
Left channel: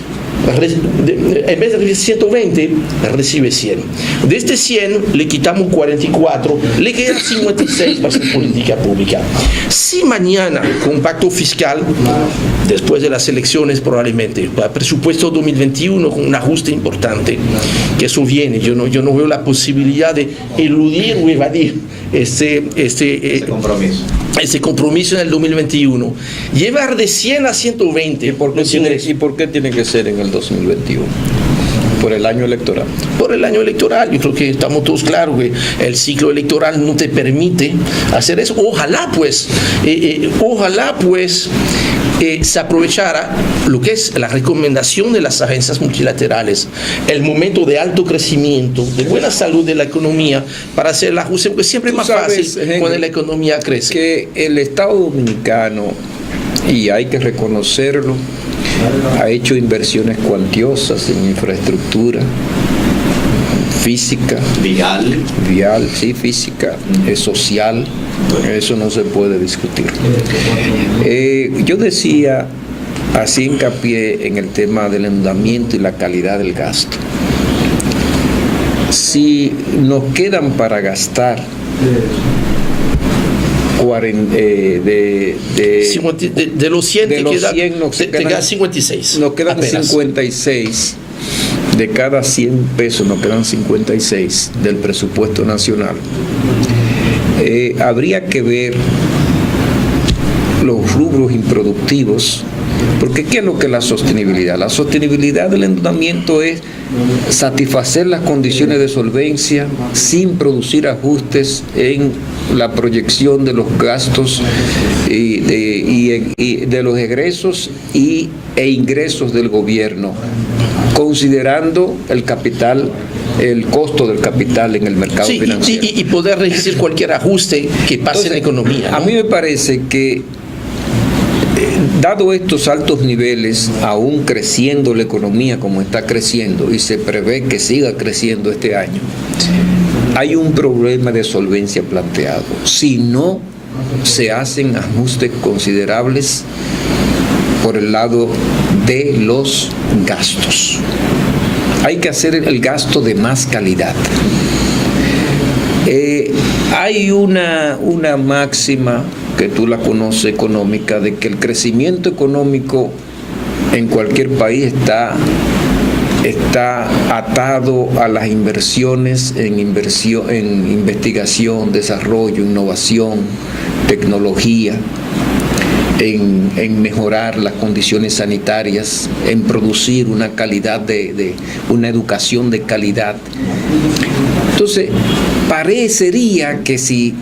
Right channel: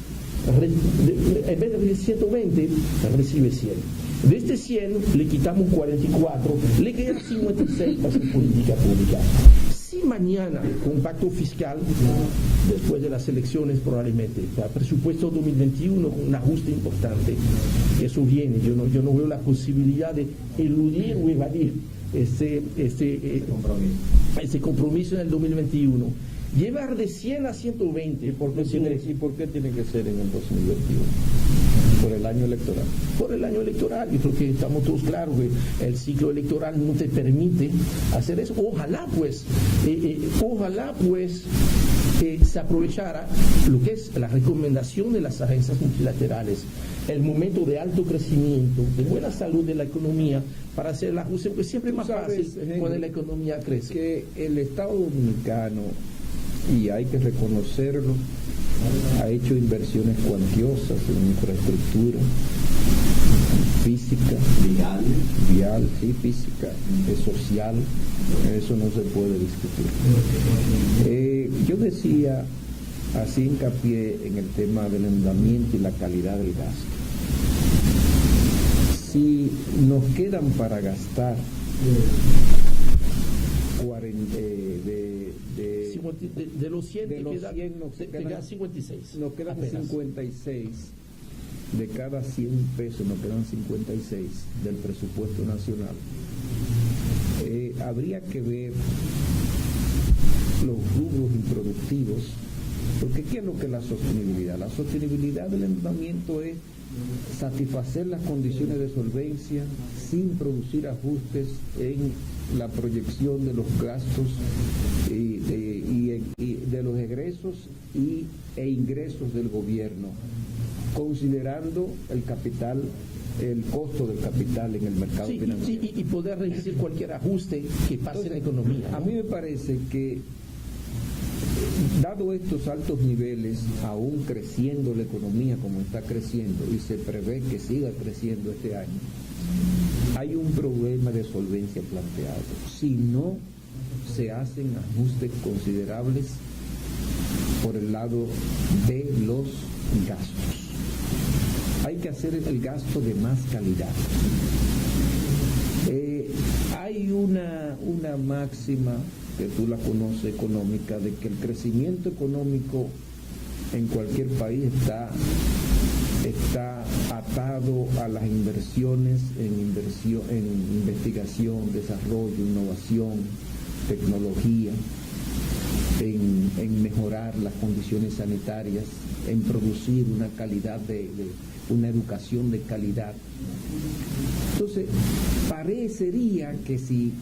en vez de recibir 120, recibe 100. De este 100 le quitamos 44, le quedan 56 para hacer política pública. Si mañana, con un pacto fiscal, después de las elecciones probablemente, para presupuesto 2021 con un ajuste importante, que eso viene, yo no veo la posibilidad de eludir o evadir ese compromiso en el 2021. Llevar de 100 a 120. ¿Y por qué tiene que ser en el 2021? ¿Por el año electoral? Por el año electoral. Yo creo que estamos todos claros que el ciclo electoral no te permite hacer eso. Ojalá pues se aprovechara lo que es la recomendación de las agencias multilaterales, el momento de alto crecimiento, de buena salud de la economía, para hacer el ajuste, porque siempre es más fácil cuando la economía crece. Que el Estado Dominicano, y hay que reconocerlo, ha hecho inversiones cuantiosas en infraestructura física, vial, sí, física, social. Eso no se puede discutir. Yo decía, así hincapié en el tema del endeudamiento y la calidad del gasto. Si nos quedan para gastar de los 100 te quedan 56. Nos quedan apenas 56. De cada 100 pesos nos quedan 56 del presupuesto nacional. Habría que ver los rubros improductivos, porque ¿qué es lo que es la sostenibilidad? La sostenibilidad del endeudamiento es satisfacer las condiciones de solvencia sin producir ajustes en la proyección de los gastos y de los egresos e ingresos del gobierno, considerando el capital, el costo del capital en el mercado financiero. Y poder resistir cualquier ajuste que pase en la economía, ¿no? A mí me parece que, dado estos altos niveles, aún creciendo la economía como está creciendo, y se prevé que siga creciendo este año, hay un problema de solvencia planteado. Si no se hacen ajustes considerables por el lado de los gastos. Hay que hacer el gasto de más calidad. Hay una máxima que tú la conoces económica, de que el crecimiento económico en cualquier país está atado a las inversiones en investigación, desarrollo, innovación, tecnología, en mejorar las condiciones sanitarias, en producir una calidad una educación de calidad. Entonces, parecería que si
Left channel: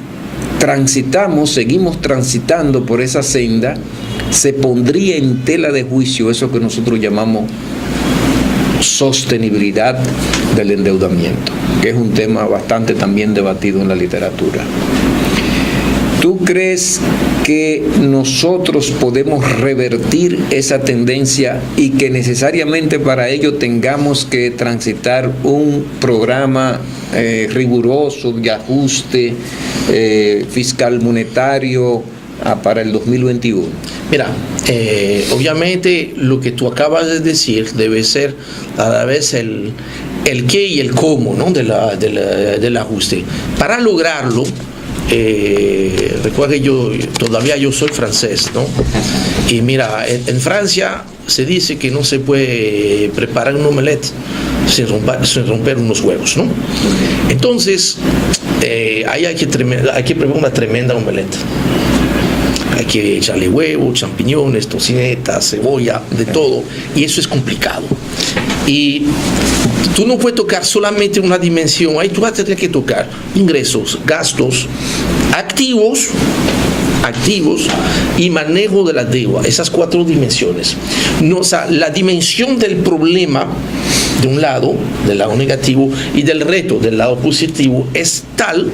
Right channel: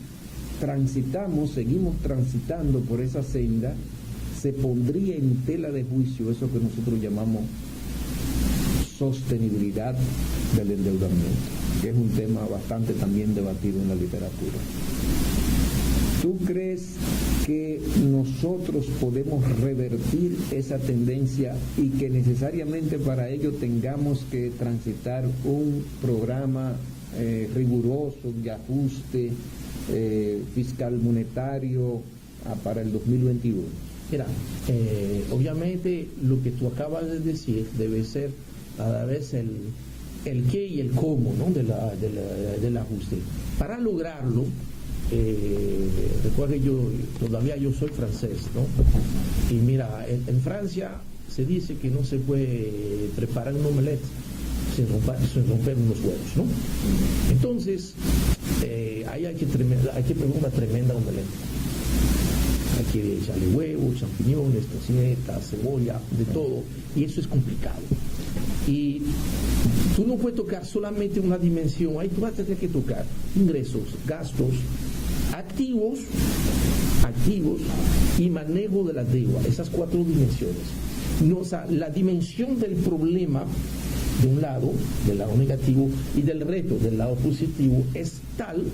seguimos transitando por esa senda, se pondría en tela de juicio eso que nosotros llamamos sostenibilidad del endeudamiento, que es un tema bastante también debatido en la literatura. ¿Tú crees que nosotros podemos revertir esa tendencia y que necesariamente para ello tengamos que transitar un programa riguroso de ajuste fiscal monetario para el 2021? Mira, obviamente lo que tú acabas de decir debe ser a la vez el qué y el cómo, ¿no? del ajuste. Para lograrlo, recuerda que yo soy francés, ¿no? Y mira, en Francia se dice que no se puede preparar un omelette sin romper unos huevos, ¿no? Entonces, ahí hay que preparar una tremenda omelette. Hay que echarle huevos, champiñones, tocinetas, cebolla, de todo, y eso es complicado. Y tú no puedes tocar solamente una dimensión, ahí tú vas a tener que tocar ingresos, gastos, activos activos y manejo de la deuda, esas 4 dimensiones. No, o sea, la dimensión del problema de un lado, del lado negativo, y del reto, del lado positivo, es tal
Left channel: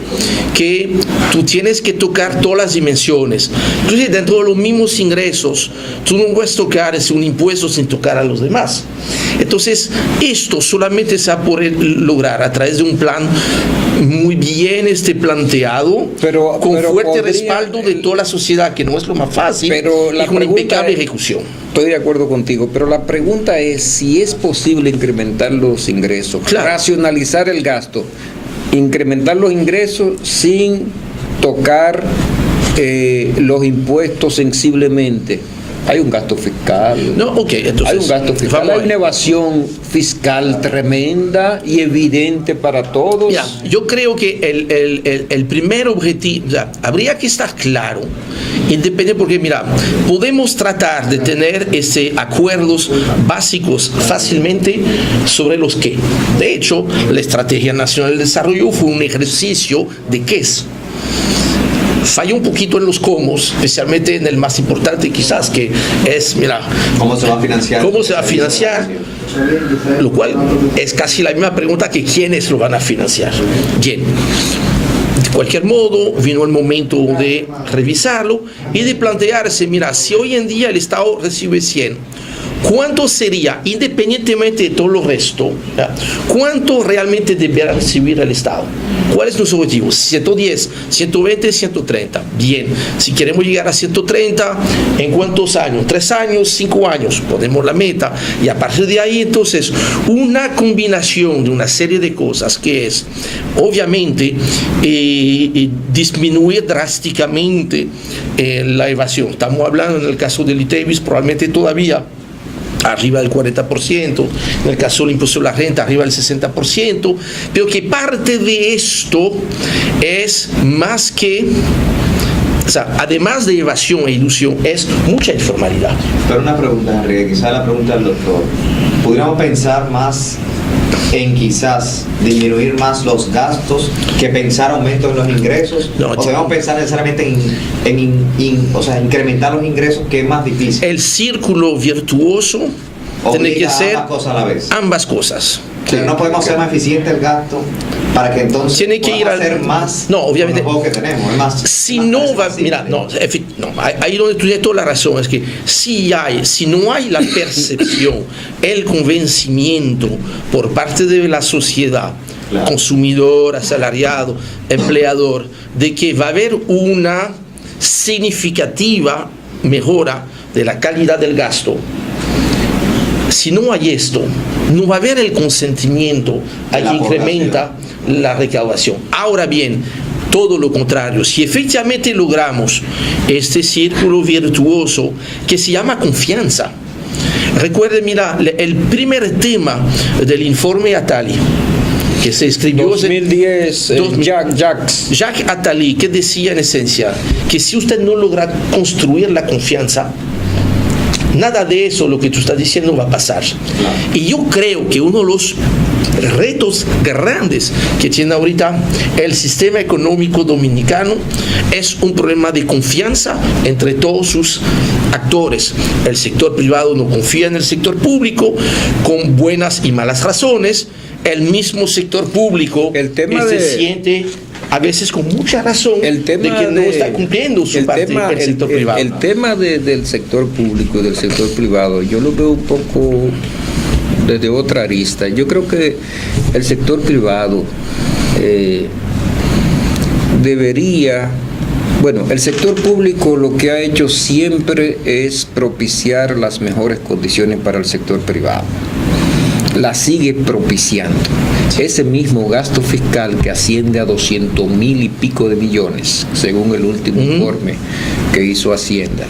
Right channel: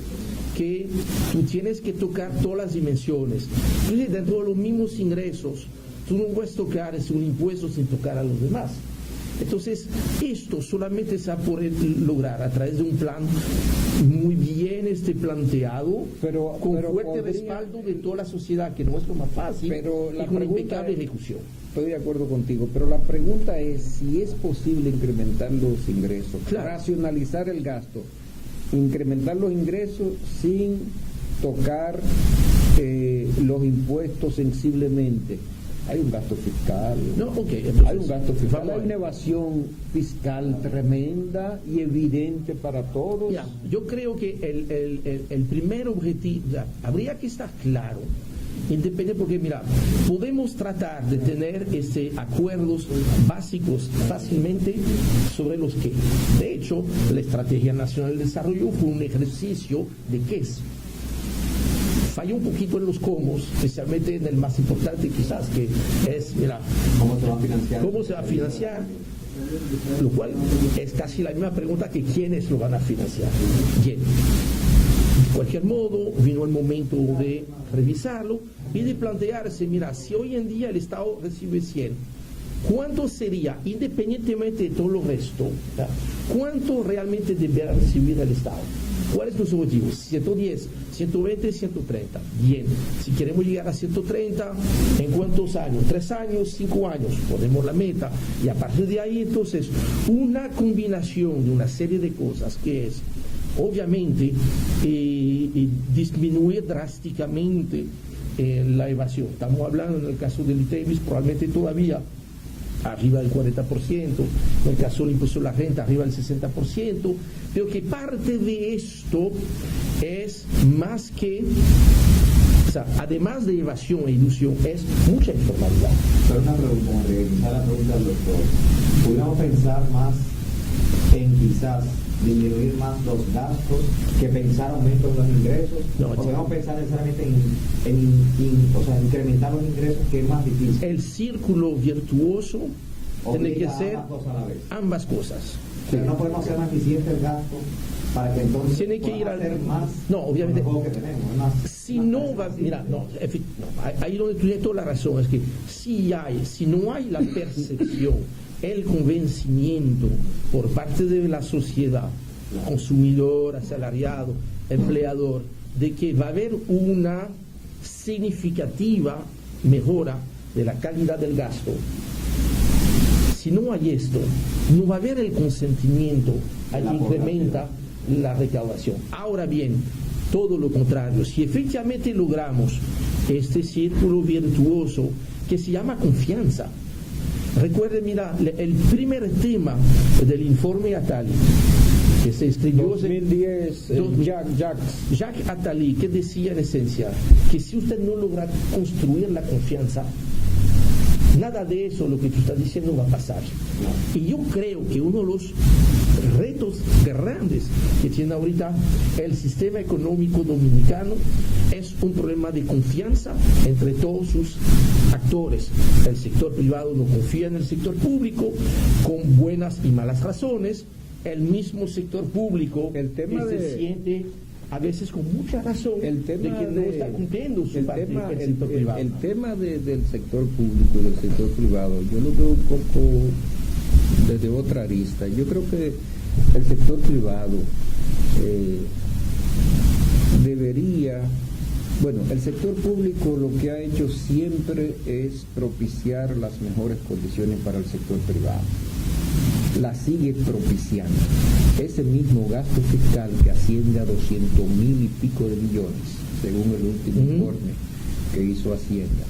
que tú tienes que tocar todas las dimensiones. Entonces, dentro de los mismos ingresos, tú no puedes tocar un impuesto sin tocar a los demás. Entonces, esto solamente se va a poder lograr a través de un plan muy bien planteado, con fuerte respaldo de toda la sociedad, que no es lo más fácil, pero y con impecable ejecución. Estoy de acuerdo contigo, pero la pregunta es si es posible incrementar los ingresos, racionalizar el gasto, incrementar los ingresos sin tocar los impuestos sensiblemente. Hay un gasto fiscal. No, okay, entonces, hay un gasto fiscal. Hay una evasión fiscal tremenda y evidente para todos. Mira, yo creo que el primer objetivo, o sea, habría que estar claro, independiente, porque mira, podemos tratar de tener acuerdos básicos fácilmente sobre los que. De hecho, la Estrategia Nacional de Desarrollo fue un ejercicio de qué es. Falla un poquito en los cómo, especialmente en el más importante quizás, que es, mira, ¿cómo se va a financiar? ¿Cómo se va a financiar? Lo cual es casi la misma pregunta que quiénes lo van a financiar. Bien. De cualquier modo, vino el momento de revisarlo y de plantearse, mira, si hoy en día el Estado recibe 100, ¿cuánto sería, independientemente de todo lo resto, cuánto realmente deberá recibir el Estado? ¿Cuál es nuestro objetivo? 110, 120, 130. Bien, si queremos llegar a 130, ¿en cuántos años? 3 años, 5 años, ponemos la meta. Y a partir de ahí, entonces, una combinación de una serie de cosas que es, obviamente, disminuir drásticamente la evasión. Estamos hablando, en el caso del ITEVIS, probablemente todavía arriba del 40%, en el caso del impuesto a la renta arriba del 60%, pero que parte de esto es más que, o sea, además de evasión e ilusión, es mucha informalidad. Pero una pregunta, Enrique, quizás la pregunta del doctor, ¿pudiéramos pensar más en quizás disminuir más los gastos que pensar aumento en los ingresos? No, ¿o debemos pensar necesariamente o sea, incrementar los ingresos, que es más difícil? El círculo virtuoso tiene que ser ambas cosas a la vez. Ambas cosas. Pero no podemos hacer más eficiente el gasto para que entonces tiene que ir a hacer más. No, obviamente. Con los juegos que tenemos. Es más, si no va, mira, no, ahí donde tú tienes toda la razón, es que si no hay la percepción, el convencimiento por parte de la sociedad, consumidor, asalariado, empleador, de que va a haber una significativa mejora de la calidad del gasto. Si no hay esto, no va a haber el consentimiento a que incrementa la recaudación. Ahora bien, todo lo contrario, si efectivamente logramos este círculo virtuoso que se llama confianza. Recuerden, mira, el primer tema del informe Attali, que se escribió 2010, Jacques Attali, que decía en esencia que si usted no logra construir la confianza, nada de eso, lo que tú estás diciendo, va a pasar. Y yo creo que uno de los retos grandes que tiene ahorita el sistema económico dominicano es un problema de confianza entre todos sus actores. El sector privado no confía en el sector público, con buenas y malas razones. El mismo sector público se siente a veces con mucha razón de que no está cumpliendo su parte del sector privado. El tema del sector público y del sector privado, yo lo veo un poco desde otra arista. Yo creo que el sector privado el sector público lo que ha hecho siempre es propiciar las mejores condiciones para el sector privado. La sigue propiciando. Ese mismo gasto fiscal que asciende a 200,000 y pico de millones, según el último informe que hizo Hacienda.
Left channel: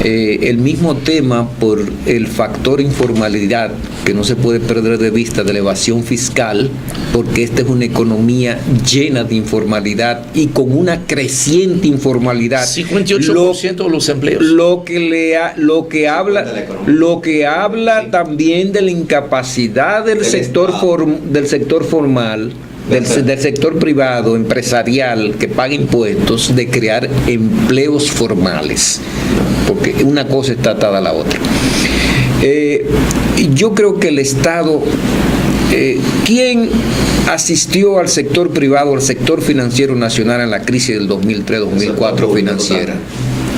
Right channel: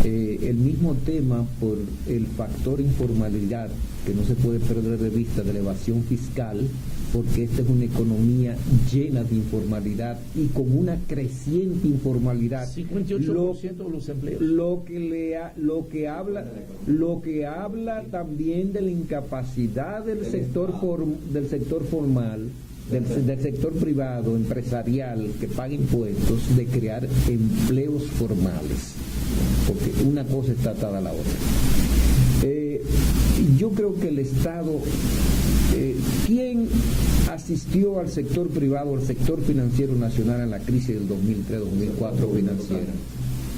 El mismo tema por el factor informalidad, que no se puede perder de vista, de la evasión fiscal, porque esta es una economía llena de informalidad y con una creciente informalidad. 58% de los empleos. Lo que habla también de la incapacidad del sector formal del sector privado, empresarial, que paga impuestos, de crear empleos formales, porque una cosa está atada a la otra. Yo creo que el Estado, ¿quién asistió al sector privado, al sector financiero nacional en la crisis del 2003-2004 financiera?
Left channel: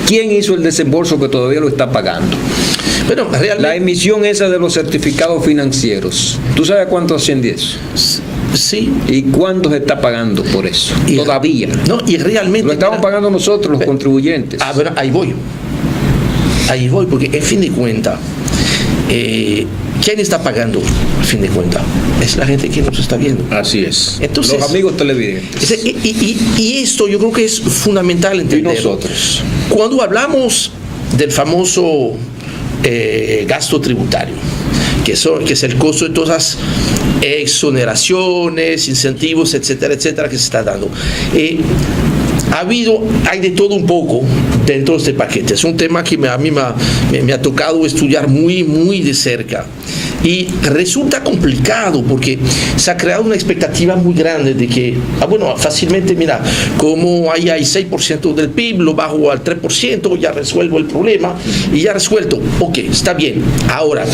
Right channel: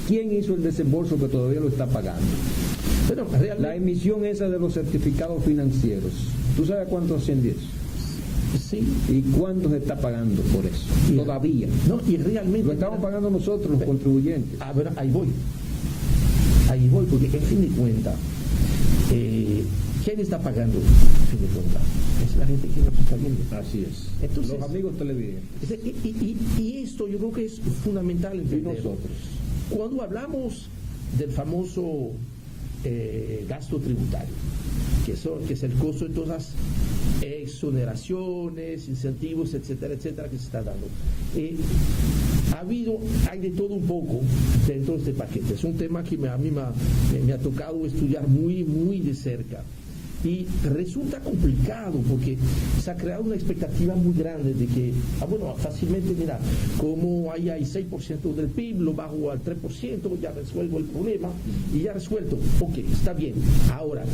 ¿Quién hizo el desembolso que todavía lo está pagando? Bueno, realmente, la emisión esa de los certificados financieros, ¿tú sabes cuánto asciende eso? Sí. ¿Y cuánto se está pagando por eso? Todavía. No, y realmente lo estamos pagando nosotros, los contribuyentes. Bueno, ahí voy, porque en fin de cuentas, ¿quién está pagando? A fin de cuentas, es la gente que nos está viendo. Así es. Entonces, los amigos televidentes. Y esto yo creo que es fundamental entender. Y nosotros. Cuando hablamos del famoso gasto tributario, que es el costo de todas las exoneraciones, incentivos, etcétera, etcétera, que se está dando. Hay de todo un poco dentro de este paquete. Es un tema que a mí me ha tocado estudiar muy, muy de cerca. Y resulta complicado porque se ha creado una expectativa muy grande de que, fácilmente, mira, como hay 6% del PIB, lo bajo al 3%, ya resuelvo el problema y ya resuelto. Ok, está bien. Ahora,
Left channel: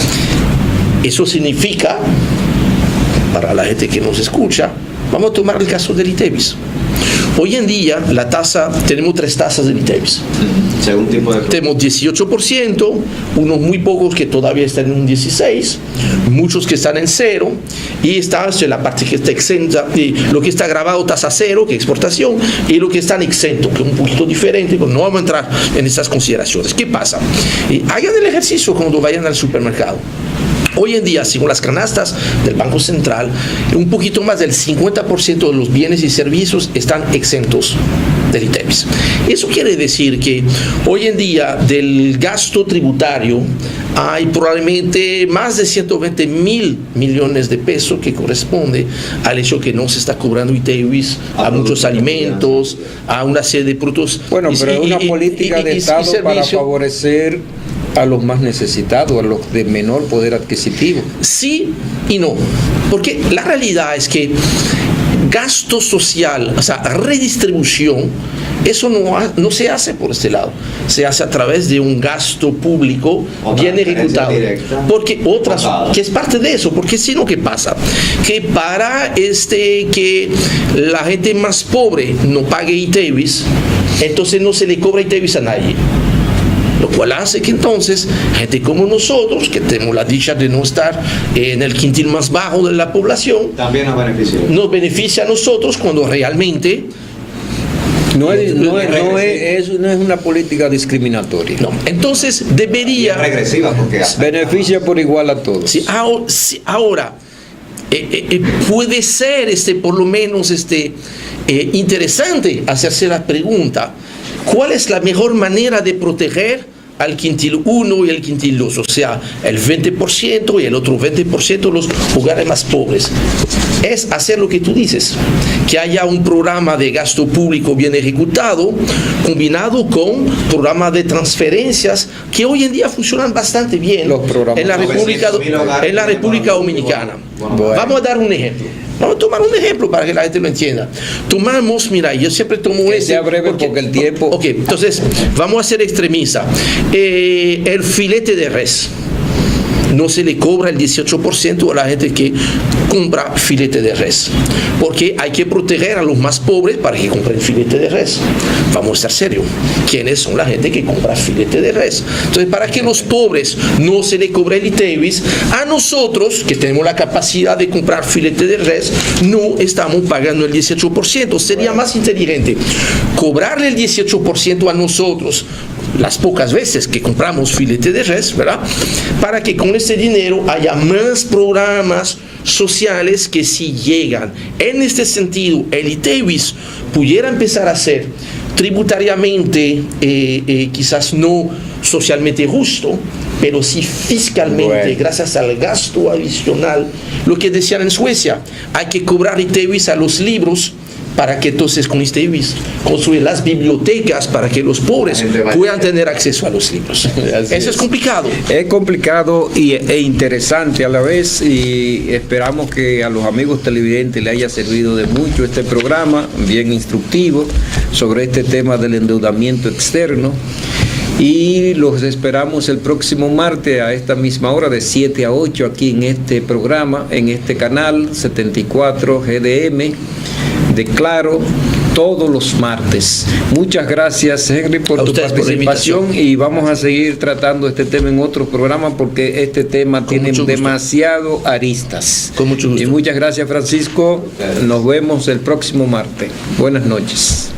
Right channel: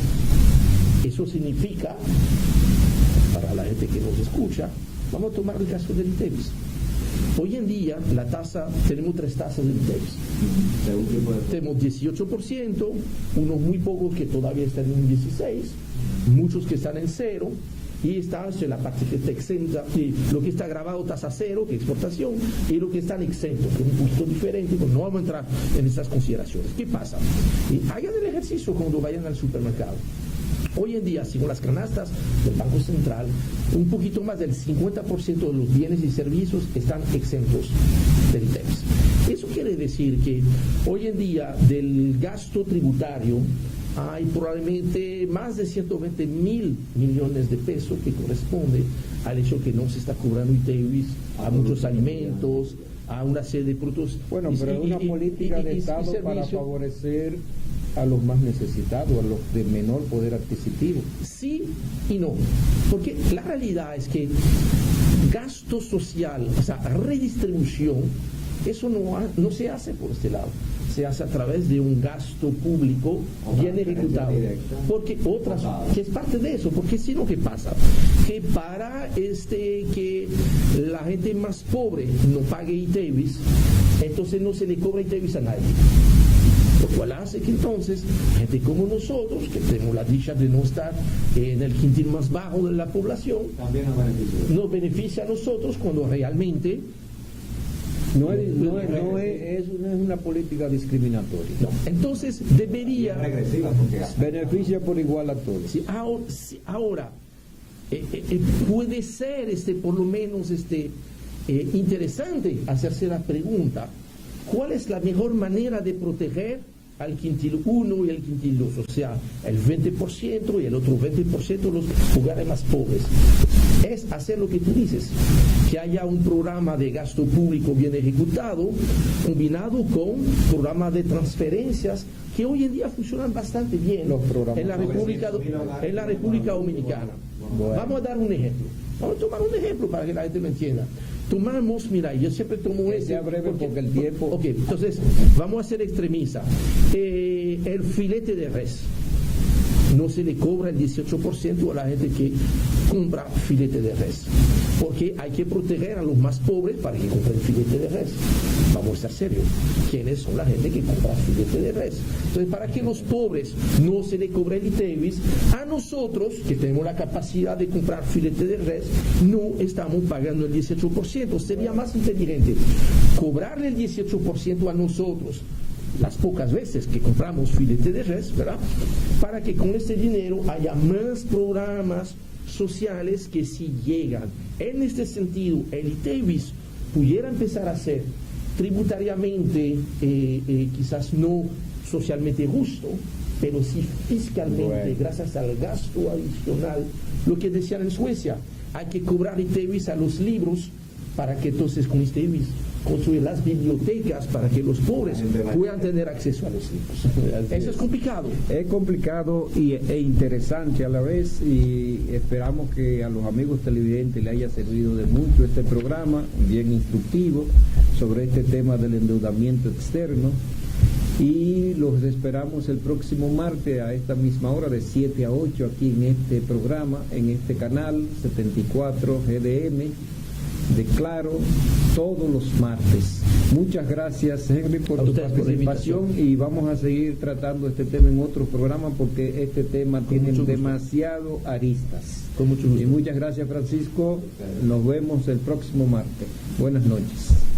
eso significa, para la gente que nos escucha, vamos a tomar el caso del ITEVIS. Hoy en día tenemos 3 tasas del ITEVIS. Según tipo de... Tenemos 18%, unos muy pocos que todavía están en un 16%, muchos que están en 0%, y está la parte que está exenta, lo que está grabado tasa 0, que es exportación, y lo que está en exento, que es un poquito diferente, pero no vamos a entrar en esas consideraciones. ¿Qué pasa? Hagan el ejercicio cuando vayan al supermercado. Hoy en día, según las canastas del Banco Central, un poquito más del 50% de los bienes y servicios están exentos del ITEVIS. Eso quiere decir que hoy en día del gasto tributario hay probablemente más de 120.000 millones de pesos que corresponde al hecho que no se está cobrando ITEVIS a muchos alimentos, a una serie de productos. Bueno, pero es una política de Estado para favorecer a los más necesitados, a los de menor poder adquisitivo. Sí y no, porque la realidad es que gasto social, o sea, redistribución, eso no se hace por este lado, se hace a través de un gasto público bien ejecutado. Porque que es parte de eso, porque si no, ¿qué pasa? Que para que la gente más pobre no pague ITEVIS, entonces no se le cobra ITEVIS a nadie. Lo cual hace que entonces gente como nosotros, que tenemos la dicha de no estar en el quintil más bajo de la población, también nos beneficia a nosotros cuando realmente no es una política discriminatoria. No, entonces debería regresiva porque beneficia por igual a todos. Sí, ahora puede ser por lo menos interesante hacerse la pregunta: ¿cuál es la mejor manera de proteger al quintil 1 y el quintil 2? O sea, el 20% y el otro 20% los hogares más pobres. Es hacer lo que tú dices, que haya un programa de gasto público bien ejecutado, combinado con programas de transferencias que hoy en día funcionan bastante bien en la República Dominicana. Bueno. Vamos a dar un ejemplo. Vamos a tomar un ejemplo para que la gente lo entienda. Tomamos, mira, yo siempre tomo que sea breve porque el tiempo... Ok, entonces, vamos a ser extremista. El filete de res. No se le cobra el 18% a la gente que compra filete de res, porque hay que proteger a los más pobres para que compren filete de res. Vamos a estar serios. ¿Quiénes son la gente que compra filete de res? Entonces, para que los pobres no se le cobre el ITEVIS, a nosotros, que tenemos la capacidad de comprar filete de res, no estamos pagando el 18%. Sería más inteligente cobrarle el 18% a nosotros las pocas veces que compramos filete de res, ¿verdad? Para que con ese dinero haya más programas sociales que si llegan. En este sentido, el ITEVIS pudiera empezar a ser tributariamente, quizás no socialmente justo, pero sí fiscalmente, gracias al gasto adicional. Lo que decían en Suecia, hay que cobrar ITEVIS a los libros para que entonces con este IBIS construir las bibliotecas para que los pobres puedan tener acceso a los libros. Eso es complicado. Es complicado e interesante a la vez, y esperamos que a los amigos televidentes les haya servido de mucho este programa, bien instructivo, sobre este tema del endeudamiento externo. Y los esperamos el próximo martes a esta misma hora, de 7 a 8, aquí en este programa, en este canal 74 GDM de Claro, todos los martes. Muchas gracias, Henry, por tu participación, y vamos a seguir tratando este tema en otros programas porque este tema tiene demasiado aristas. Con mucho gusto. Y muchas gracias, Francisco. Nos vemos el próximo martes. Buenas noches.